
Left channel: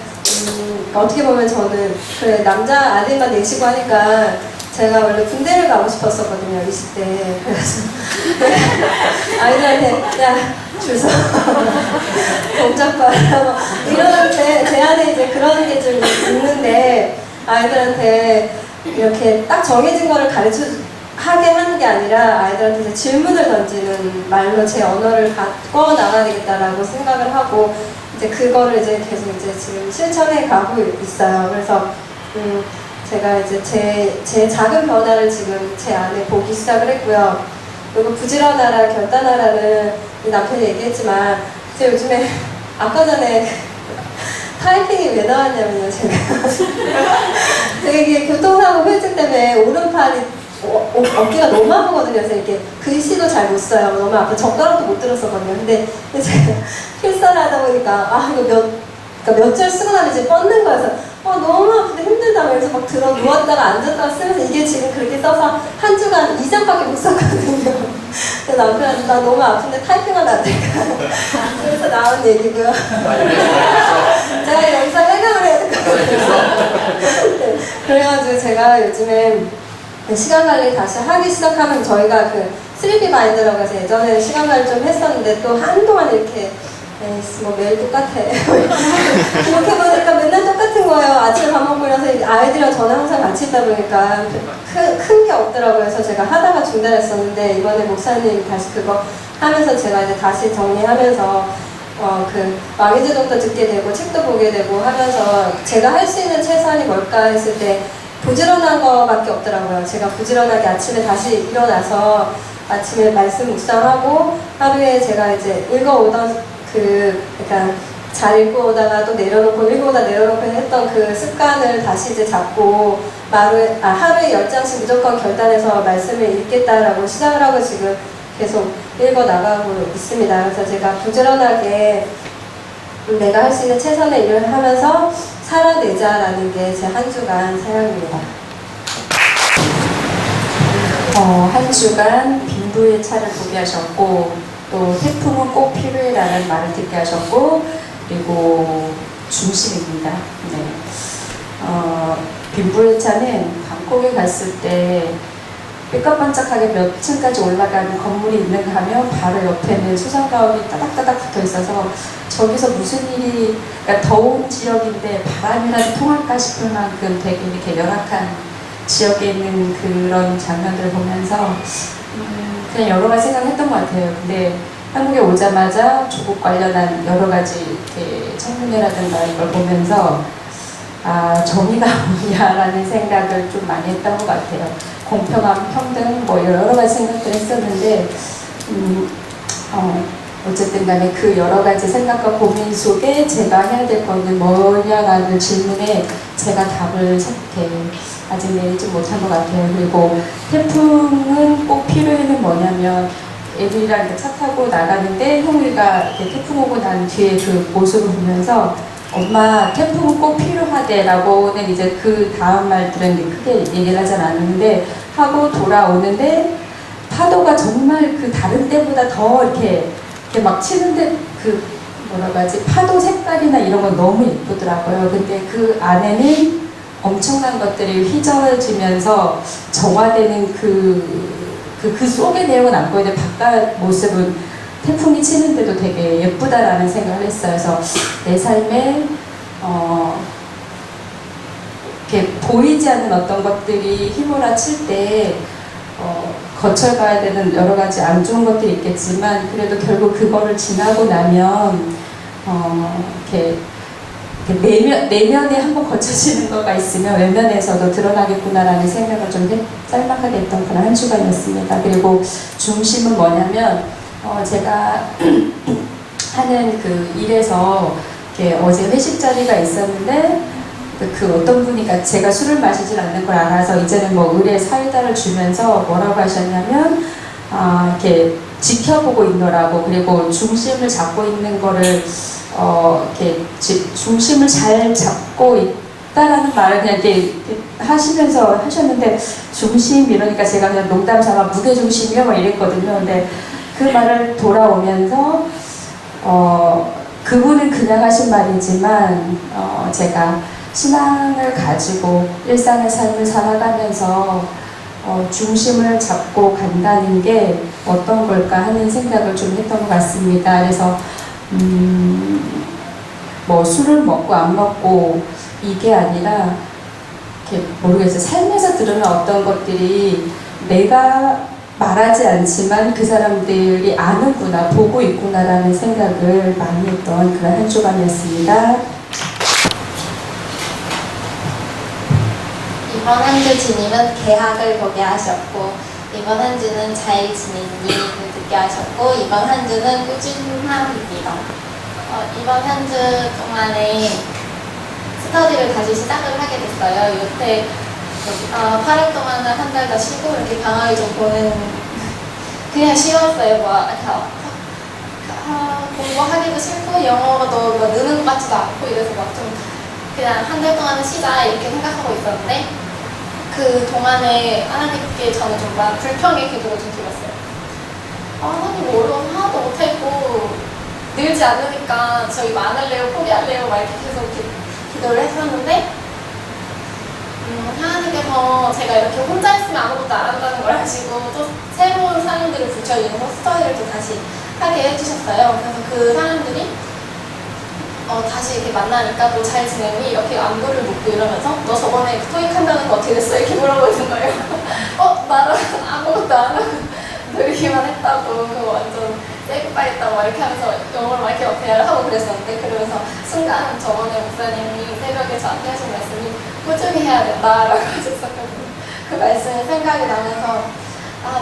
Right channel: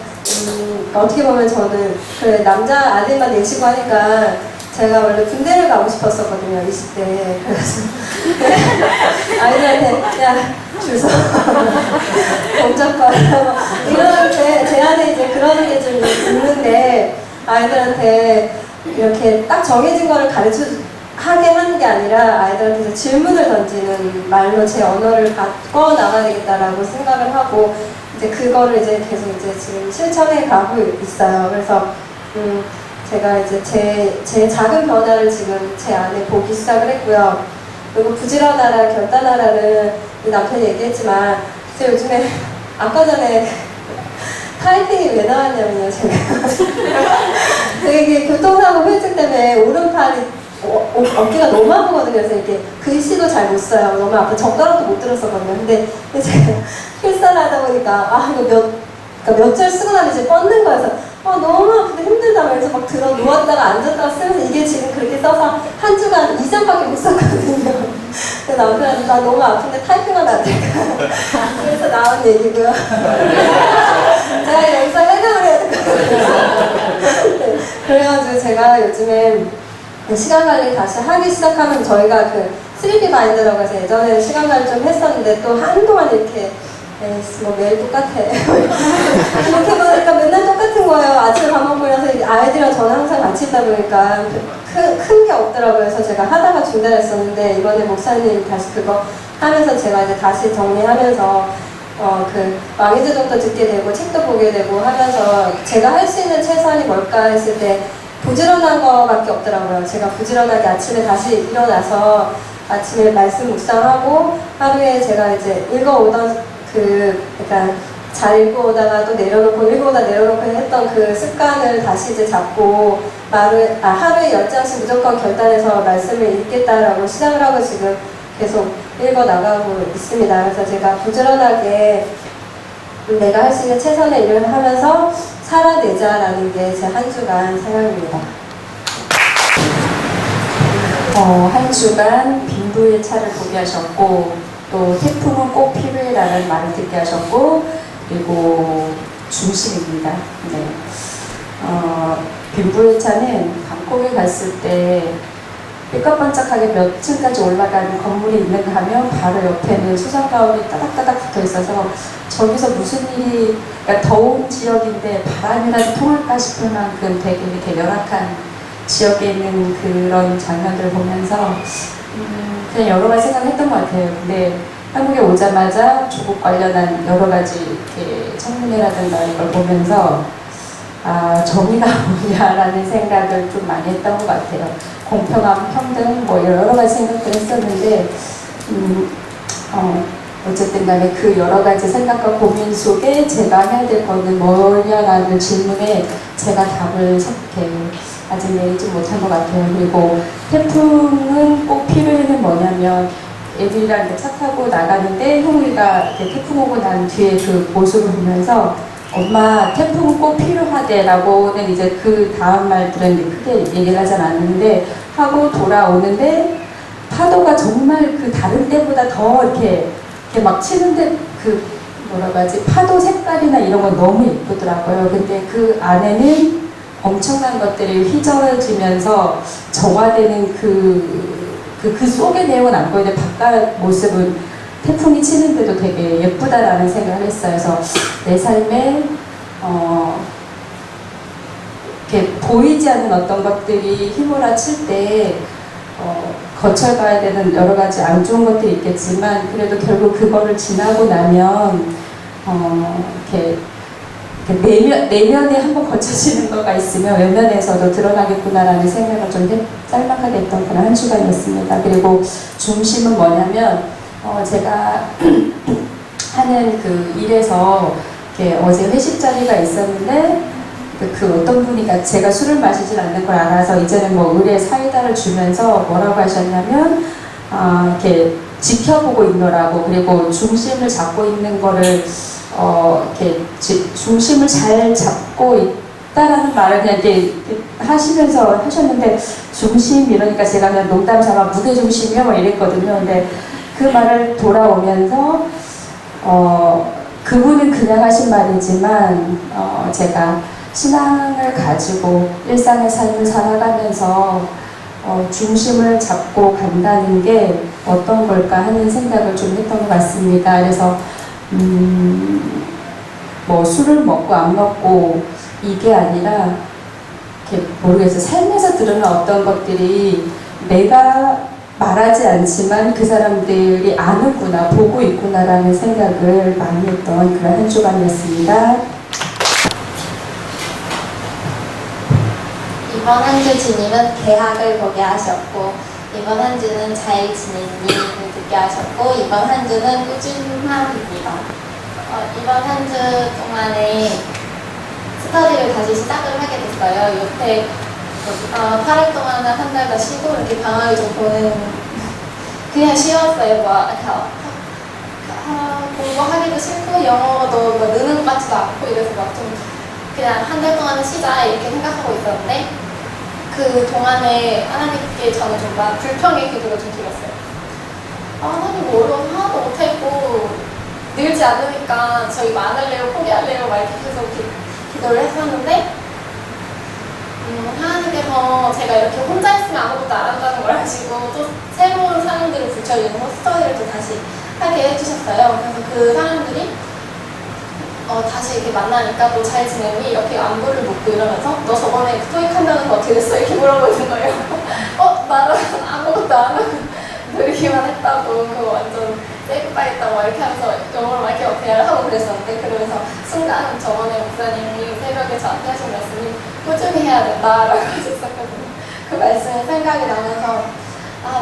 어떻게 보면 저는 그래 남자 아들만 내시고 하니까 제가 원래 군대를 가고 싶었었거든요, 20대에. 그래서 아이들한테 야 줄 서 동작 봐라 이럴 때 제 안에 이제 그런 게 좀 있는데, 아이들한테 이렇게 딱 정해진 거를 하게 하는 게 아니라 아이들한테 이제 질문을 던지는 말로 제 언어를 바꿔 나가야 되겠다라고 생각을 하고, 이제 그거를 이제 계속 이제 지금 실천해 가고 있어요. 그래서 제가 이제 제 작은 변화를 지금 제 안에 보기 시작을 했고요. 그리고 부지런하라 결단하라는 남편이 얘기했지만 제가 요즘에 아까 전에 타이핑이 왜 나왔냐면요, 제가 이게 교통사고 후유증 때문에 오른팔이 어깨가 너무 아프거든요. 그래서 이렇게 글씨도 잘 못 써요. 너무 아파. 젓가락도 못 들었었거든요. 근데 제가 필사를 하다 보니까 이거 몇 줄 쓰고 나면 이제 뻗는 거여서 너무 아픈데 힘들다. 그래서 막 들어 누웠다가 앉았다가 쓰면서 이게 지금 그렇게 써서 한 주간 2장밖에 못 썼거든요. 그래서 남편한테 나 너무 아픈데 타이핑은 안 될까? 그래서 나온 얘기고요. 제가 여기서 해명을 해야 될 것 같아요. 네. 그래가지고 제가 요즘에 시간 관리 다시 하기 시작하면 저희가 그 3D 마인드라고 해서 예전에 시간 관리 좀 했었는데 또 한동안 이렇게 뭐 매일 똑같아. 이렇게 보니까 맨날 똑같은 거예요. 아침에 밥 먹고 나서 아이들이랑 저는 항상 같이 있다 보니까 큰 게 없더라고요. 그래서 제가 하다가 중단했었는데 이번에 목사님 다시 그거 하면서 제가 이제 다시 정리하면서 그 왕의제독도 듣게 되고 책도 보게 되고 하면서 제가 할 수 있는 최소한이 뭘까 했을 때 부지런한 거밖에 없더라고요. 제가 부지런하게 아침에 다시 일어나서 아침에 말씀 묵상하고 하루에 제가 이제 읽어오던 그러니까 잘 읽어오다가 또 내려놓고 읽어오다 내려놓고 했던 그 습관을 다시 이제 잡고 하루에 10장씩 무조건 결단해서 말씀을 읽겠다라고 시작을 하고 지금 계속 읽어나가고 있습니다. 그래서 제가 부지런하게 내가 할 수 있는 최선의 일을 하면서 살아내자라는 게 제 한 주간 사역입니다. 한 주간 빈부의 차를 보게 하셨고, 또 태풍은 꼭 필요해라는 말을 듣게 하셨고, 그리고 중심입니다. 네. 빈부의 차는 방콕에 갔을 때 삐까번쩍하게 몇 층까지 올라가는 건물이 있는가 하면 바로 옆에는 수상가옥이 따닥따닥 붙어 있어서 저기서 무슨 일이, 그러니까 더운 지역인데 바람이라도 통할까 싶을 만큼 되게 이렇게 열악한 지역에 있는 그런 장면들을 보면서 그냥 여러 가지 생각을 했던 것 같아요. 근데 한국에 오자마자 조국 관련한 여러 가지 이렇게 청문회라든가 이걸 보면서 정의가 뭐냐라는 생각을 좀 많이 했던 것 같아요. 공평함, 평등, 뭐 여러 가지 생각들을 했었는데 어쨌든 간에 그 여러 가지 생각과 고민 속에 제가 해야 될 거는 뭐냐라는 질문에 제가 답을 이렇게 아직 내리지 못한 것 같아요. 그리고 태풍은 꼭 필요해는 뭐냐면 애들이랑 이렇게 차 타고 나가는데 형우이가 이렇게 태풍 오고 난 뒤에 그 모습을 보면서 엄마 태풍은 꼭 필요하대 라고는 이제 그 다음 말들은 크게 얘기를 하진 않았는데 하고 돌아오는데 파도가 정말 그 다른 때보다 더 이렇게 막 치는데 그 뭐라고 하지 파도 색깔이나 이런 건 너무 예쁘더라고요. 근데 그 안에는 엄청난 것들이 휘저어지면서 정화되는 그 속의 내용은 안 보이는데 바깥 모습은 태풍이 치는데도 되게 예쁘다라는 생각을 했어요. 그래서 내 삶에 이렇게 보이지 않는 어떤 것들이 휘몰아칠 때 거쳐가야 되는 여러 가지 안 좋은 것들이 있겠지만 그래도 결국 그거를 지나고 나면 이렇게 내면에 한번 거쳐지는 거가 있으면 외면에서도 드러나겠구나라는 생각을 좀 짤막하게 했던 그런 한 주간이었습니다. 그리고 중심은 뭐냐면 제가 하는 그 일에서 이렇게 어제 회식 자리가 있었는데 그 어떤 분이 제가 술을 마시질 않는 걸 알아서 이제는 뭐 의뢰 사이다를 주면서 뭐라고 하셨냐면 이렇게 지켜보고 있노라고, 그리고 중심을 잡고 있는 거를 이렇게 중심을 잘 잡고 있다라는 말을 그냥 이렇게 하시면서 하셨는데, 중심 이러니까 제가 그냥 농담 삼아 무게 중심이요 뭐 이랬거든요. 근데 그 말을 돌아오면서 그분은 그냥 하신 말이지만 제가 신앙을 가지고 일상의 삶을 살아가면서 중심을 잡고 간다는 게 어떤 걸까 하는 생각을 좀 했던 것 같습니다. 그래서 뭐 술을 먹고 안 먹고 이게 아니라 이렇게 모르겠어요. 삶에서 들으는 어떤 것들이 내가 말하지 않지만 그 사람들이 아는구나, 보고 있구나라는 생각을 많이 했던 그런 한 주간이었습니다. 이번 한 주 주님은 개학을 보게 하셨고, 이번 한 주는 잘 지냈니? 를 듣게 하셨고, 이번 한 주는 꾸준함입니다. 이번 한 주 동안에 스터디를 다시 시작을 하게 됐어요. 요때 8월 동안은 한 달 다 쉬고 이렇게 방학을 좀 보는, 그냥 쉬웠어요. 공부하기도 싫고 영어도 뭐 느는 것 같지도 않고 이래서 막 좀 그냥 한 달 동안은 쉬자 이렇게 생각하고 있었는데, 그 동안에 하나님께 저는 정말 불평의 기도를 좀 드렸어요. 하나님 뭐 어려워서 하나도 못했고 늘지 않으니까 저희 많을래요? 포기할래요? 막 이렇게 계속 기도를 했었는데, 하나님께서 제가 이렇게 혼자 있으면 아무것도 안 한다는 걸 아시고 또 새로운 사람들을 붙여주는 스터디를 또 다시 하게 해주셨어요. 그래서 그 사람들이 다시 이렇게 만나니까 또 잘 지냈니? 이렇게 안부를 묻고 이러면서 너 저번에 토익 한다는 거 어떻게 됐어? 이렇게 물어보는 거예요. 나는 아무것도 안 하고 놀기만 했다고, 그거 완전 세이프바이 했다고 막 이렇게 하면서 영어로 막 이렇게 대화를 하고 그랬었는데, 그러면서 순간 저번에 목사님이 새벽에 저한테 하신 말씀이 꾸준히 해야 된다라고 하셨었거든요. 그 말씀이 생각이 나면서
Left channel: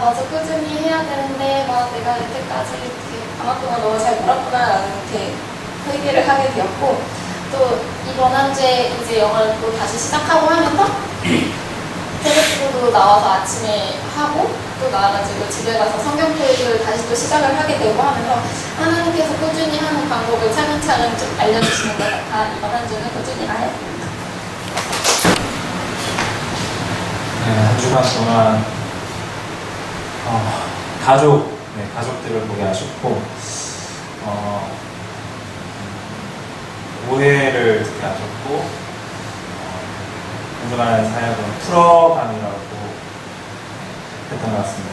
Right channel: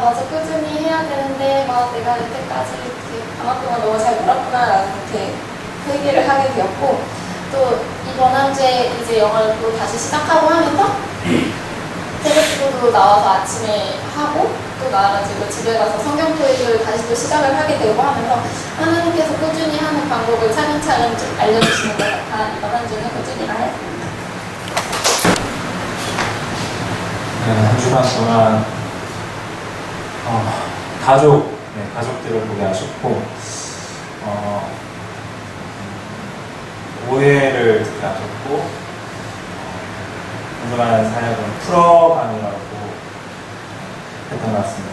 맞아, 꾸준히 해야 되는데 내가 이때까지 이렇게 방학 동안 너무 잘 놀았구나라는 이렇게 회개를 하게 되었고, 또 이번 한 주에 이제 영어를 또 다시 시작하고 하면서 새벽기도도 나와서 아침에 하고 또 나와가지고 집에 가서 성경 토익을 다시 또 시작을 하게 되고 하면서 하나님께서 꾸준히 하는 방법을 차근차근 좀 알려주시는 것 같아 이번 한 주는 꾸준히 하였습니다. 네, 한 주간 동안 가족들을 보게 하셨고, 오해를 듣게 하셨고, 한 주간 사역은 풀어감이라고 했던 것 같습니다.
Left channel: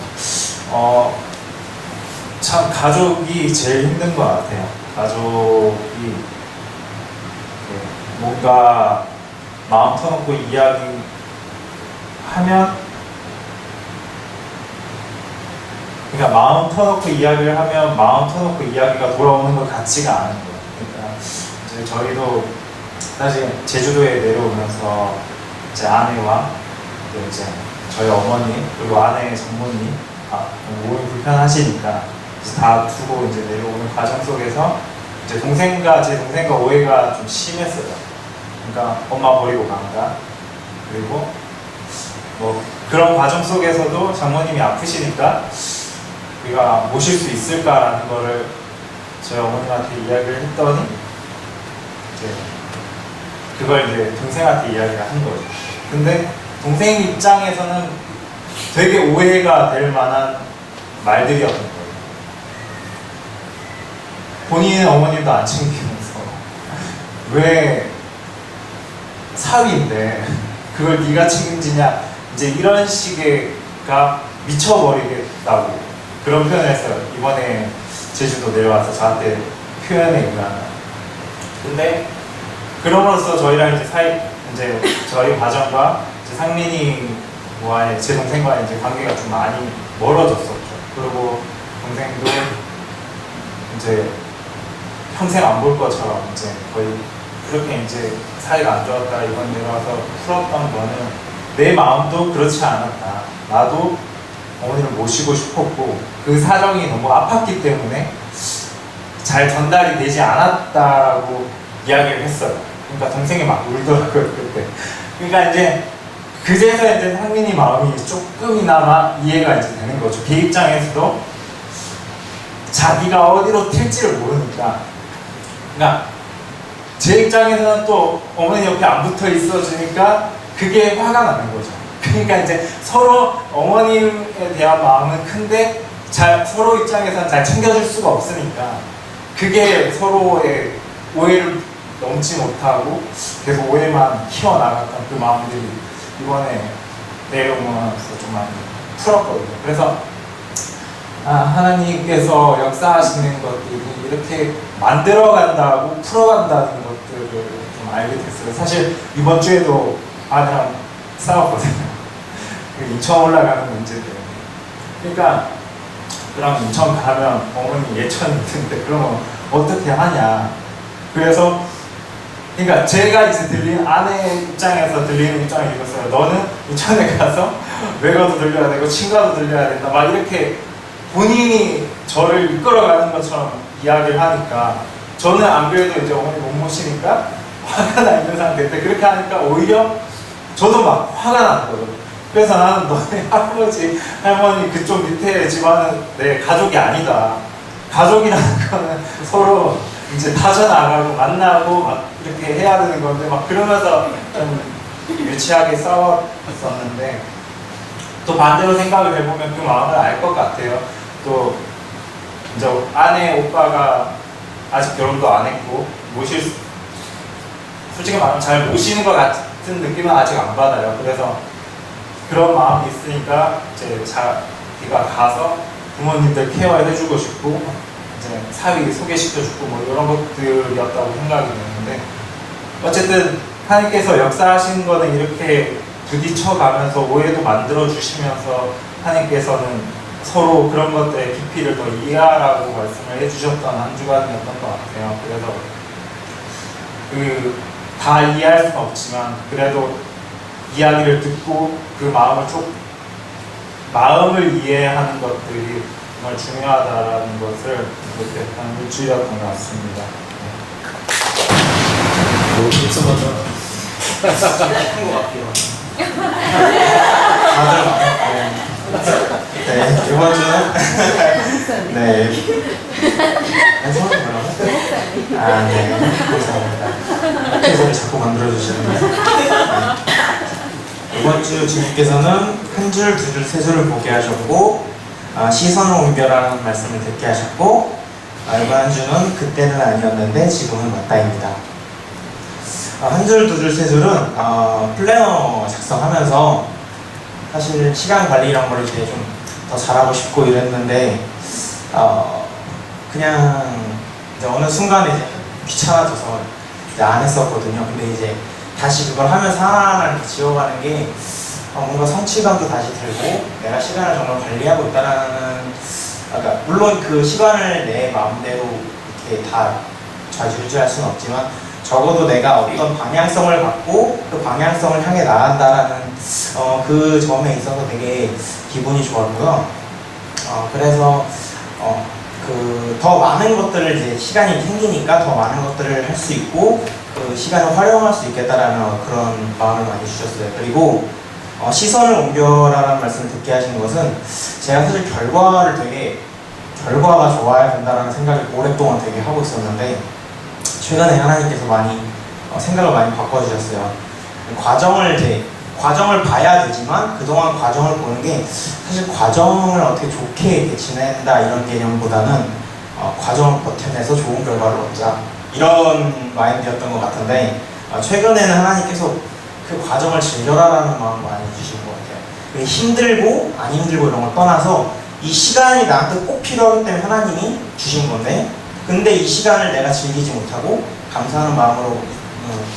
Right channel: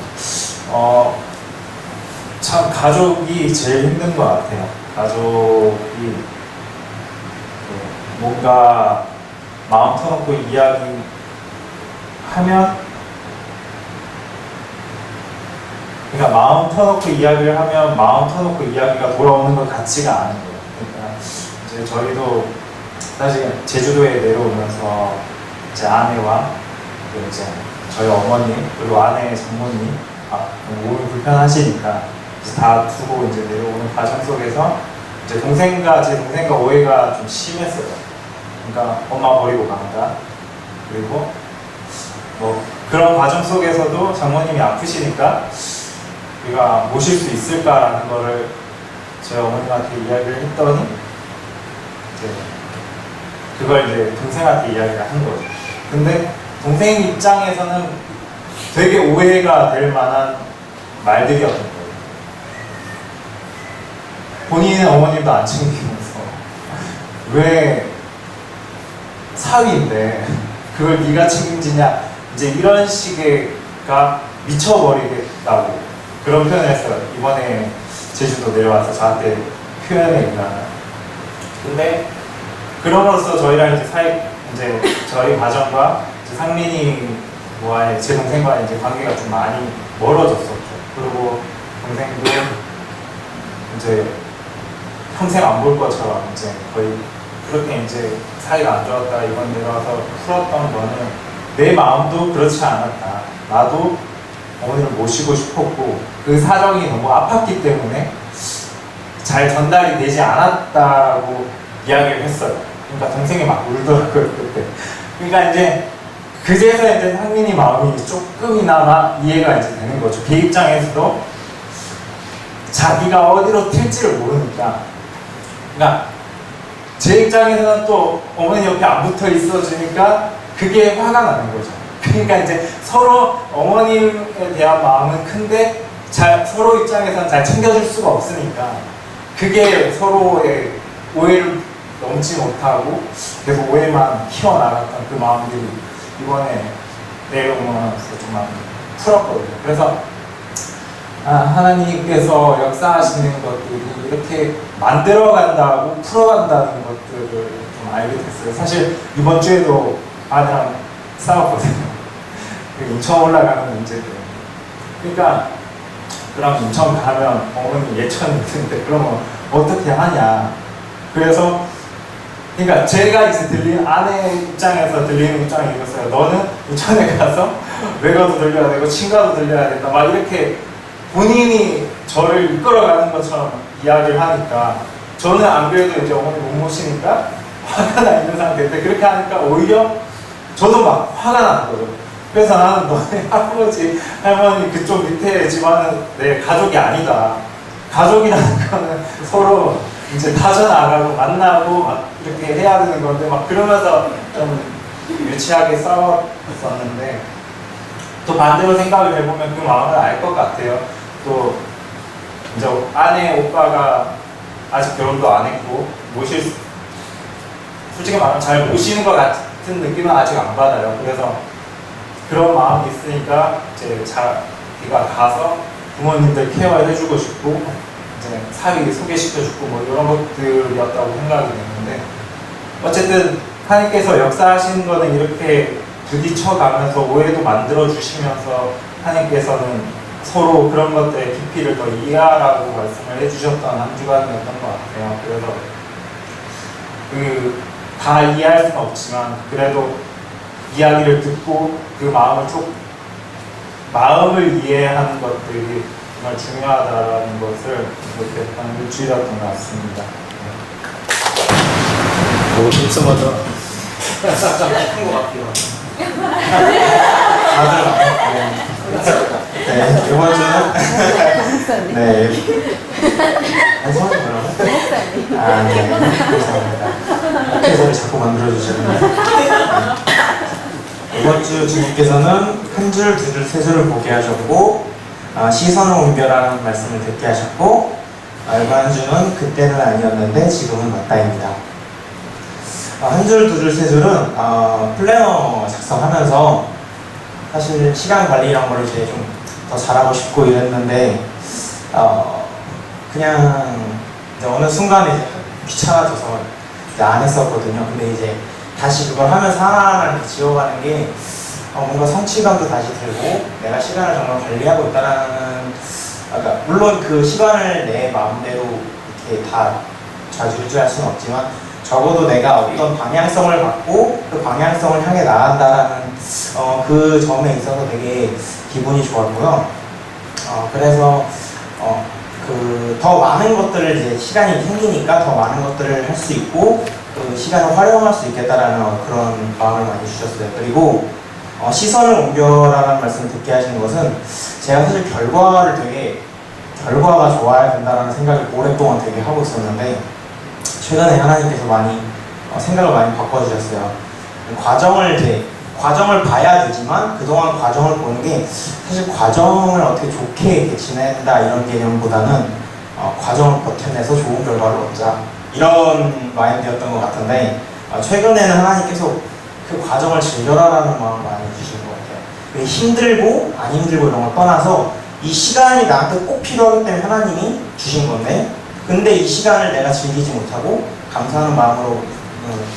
참 가족이 제일 힘든 것 같아요. 가족이 뭔가 마음 터놓고 이야기하면 그러니까 마음 터놓고 이야기를 하면 마음 터놓고 이야기가 돌아오는 것 같지가 않은 거예요. 그러니까 이제 저희도 사실 제주도에 내려오면서 제 아내와 또 이제 저희 어머니 그리고 아내의 장모님 몸이 불편하시니까 이제 다 두고 이제 내려오는 과정 속에서 이제 제 동생과 오해가 좀 심했어요. 그러니까 엄마 버리고 간다. 그리고 뭐 그런 과정 속에서도 장모님이 아프시니까 우리가 모실 수 있을까라는 거를 저희 어머님한테 이야기를 했더니 이제 그걸 이제 동생한테 이야기를 한 거죠. 근데 동생 입장에서는 되게 오해가 될 만한 말들이었던 거예요. 본인은 어머님도 안 챙기면서 왜 사위인데 그걸 네가 책임지냐, 이제 이런 식의가 미쳐버리겠다고 그런 표현을 했어요. 이번에 제주도 내려와서 저한테 표현에 의하면. 근데 그럼으로써 저희랑 이제 저희 가정과 이제 상민이와의 제 동생과의 이제 관계가 좀 많이 멀어졌었죠. 그리고 동생도 이제 평생 안 볼 것처럼 이제 거의 그렇게 이제 사이가 안 좋았다 이번 내려와서 풀었던 거는 내 마음도 그렇지 않았다. 나도 어머니를 모시고 싶었고 그 사정이 너무 아팠기 때문에 잘 전달이 되지 않았다고 이야기를 했어요. 그러니까 동생이 막 울더라고요 그때. 그러니까 이제 그제서 이제 상민이 마음이 조금이나마 이해가 이제 되는 거죠. 걔 입장에서도 자기가 어디로 튈지를 모르니까. 그러니까 제 입장에서는 또 어머니 옆에 안 붙어 있어주니까 그게 화가 나는 거죠. 그러니까 이제 서로 어머님에 대한 마음은 큰데 서로 입장에서는 잘 챙겨줄 수가 없으니까 그게 서로의 오해를 넘지 못하고 계속 오해만 키워나갔던 그 마음들이 이번에 내려오면서 좀 많이 풀었거든요. 그래서 하나님께서 역사하시는 것들이 이렇게 만들어간다고 풀어간다는 것들을 좀 알게 됐어요. 사실 이번 주에도 아내랑 싸웠거든요. 그 인천 올라가는 문제 때문에. 그러니까 그럼 인천 가면 어머니 예천 있는데 그러면 어떻게 하냐. 그래서 그러니까 제가 이제 아내 입장에서 들리는 입장이 이겼어요. 너는 인천에 가서 외가도 들려야 되고 친가도 들려야 된다. 막 이렇게 본인이 저를 이끌어가는 것처럼 이야기를 하니까 저는 안 그래도 이제 어머니 못 모시니까 화가 나 있는 상태인데 그렇게 하니까 오히려 저도 막 화가 나는 거예요. 그래서 나는 너네 할아버지, 할머니 그쪽 밑에 집안은 내 가족이 아니다. 가족이라는 거는 서로 이제 다져나가고 만나고 막 이렇게 해야 되는 건데 막 그러면서 좀 유치하게 싸웠었는데 또 반대로 생각을 해보면 그 마음을 알 것 같아요. 또 이제 아내 오빠가 아직 결혼도 안 했고 솔직히 말하면 잘 모시는 것 같은 느낌은 아직 안 받아요. 그래서 그런 마음이 있으니까 이제 자기가 가서 부모님들 케어해주고 싶고 이제 사위 소개시켜주고 뭐 이런 것들이었다고 생각이 되는데 어쨌든 하나님께서 역사하신 거는 이렇게 부딪혀가면서 오해도 만들어주시면서 하나님께서는 서로 그런 것들의 깊이를 더 이해하라고 말씀을 해주셨던 한 주간이었던 것 같아요. 그래서 다 이해할 수는 없지만 그래도 이야기를 듣고 그 마음을 이해하는 것들이 정말 중요하다라는 것을 느꼈던 일주일이었던 것 같습니다. 오, 입성하다. 한것 같아요. 네, 이번 주는 네. 성이 뭐라고? 네, 감사합니다. 계속을 자꾸 만들어주시는데 이번 주 주님께서는 한 줄, 두 줄, 세 줄을 보게 하셨고 시선을 옮겨라는 말씀을 듣게 하셨고 이번 한 주는 그때는 아니었는데 지금은 맞다입니다. 한 줄, 두 줄, 세 줄은 플래너 작성하면서 사실 시간 관리 이런 걸 이제 좀 더 잘하고 싶고 이랬는데 그냥 이제 어느 순간에 이제 귀찮아져서 이제 안 했었거든요. 근데 이제 다시 그걸 하면서 하나하나 이렇게 지워가는 게 뭔가 성취감도 다시 들고 내가 시간을 정말 관리하고 있다라는 그러니까 물론 그 시간을 내 마음대로 이렇게 다 좌지우지할 수는 없지만 적어도 내가 어떤 방향성을 갖고 그 방향성을 향해 나간다라는 그 점에 있어서 되게 기분이 좋았고요. 그래서 더 많은 것들을 이제 시간이 생기니까 더 많은 것들을 할 수 있고 그 시간을 활용할 수 있겠다라는 그런 마음을 많이 주셨어요. 그리고 시선을 옮겨라라는 말씀을 듣게 하시는 것은 제가 사실 결과가 좋아야 된다라는 생각을 오랫동안 되게 하고 있었는데 최근에 하나님께서 많이 생각을 많이 바꿔주셨어요. 과정을 봐야 되지만 그동안 과정을 보는 게 사실 과정을 어떻게 좋게 이렇게 지낸다 이런 개념보다는 과정을 버텨내서 좋은 결과를 얻자 이런 마인드였던 것 같은데 최근에는 하나님께서 그 과정을 즐겨라라는 마음을 많이 주신 것 같아요. 힘들고 안 힘들고 이런 걸 떠나서 이 시간이 나한테 꼭 필요하기 때문에 하나님이 주신 건데 근데 이 시간을 내가 즐기지 못하고 감사하는 마음으로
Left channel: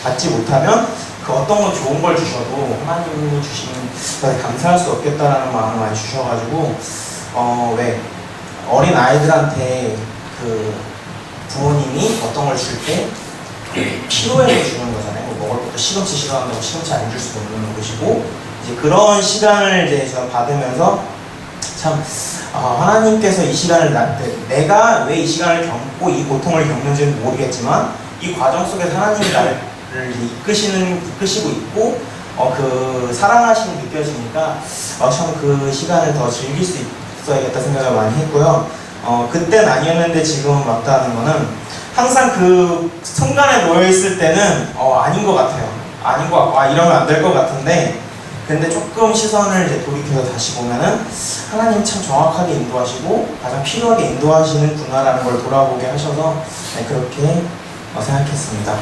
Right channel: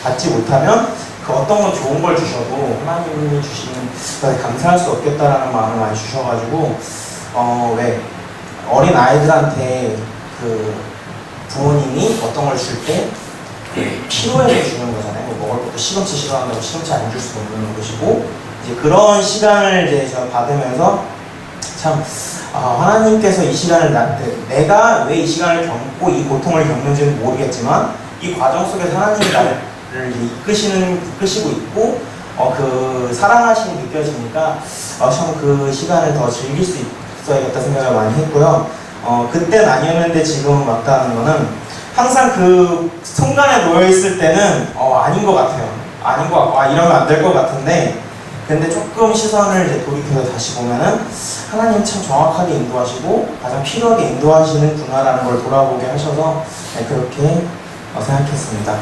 받지 못하면 그 어떤 건 좋은 걸 주셔도 하나님이 주시는 것에 감사할 수 없겠다라는 마음을 많이 주셔가지고 왜 어린 아이들한테 그 부모님이 어떤 걸 줄 때 필요해서 주는 거잖아요. 뭐 먹을 것도 시금치 싫어한다고 시금치 안 줄 수도 없는 것이고 이제 그런 시간을 이제 저는 받으면서 참 하나님께서 이 시간을 내가 왜 이 시간을 겪고 이 고통을 겪는지는 모르겠지만 이 과정 속에서 하나님이 나를 이끄시고 있고 그 사랑하심이 느껴지니까 참 그 시간을 더 즐길 수 있어야겠다 생각을 많이 했고요. 그땐 아니었는데 지금은 맞다는 거는 항상 그 순간에 놓여 있을 때는 아닌 것 같아요. 아닌 것 같고 이러면 안 될 것 같은데, 근데 조금 시선을 이제 돌이켜서 다시 보면은 하나님 참 정확하게 인도하시고 가장 필요하게 인도하시는구나라는 걸 돌아보게 하셔서 그렇게 생각했습니다.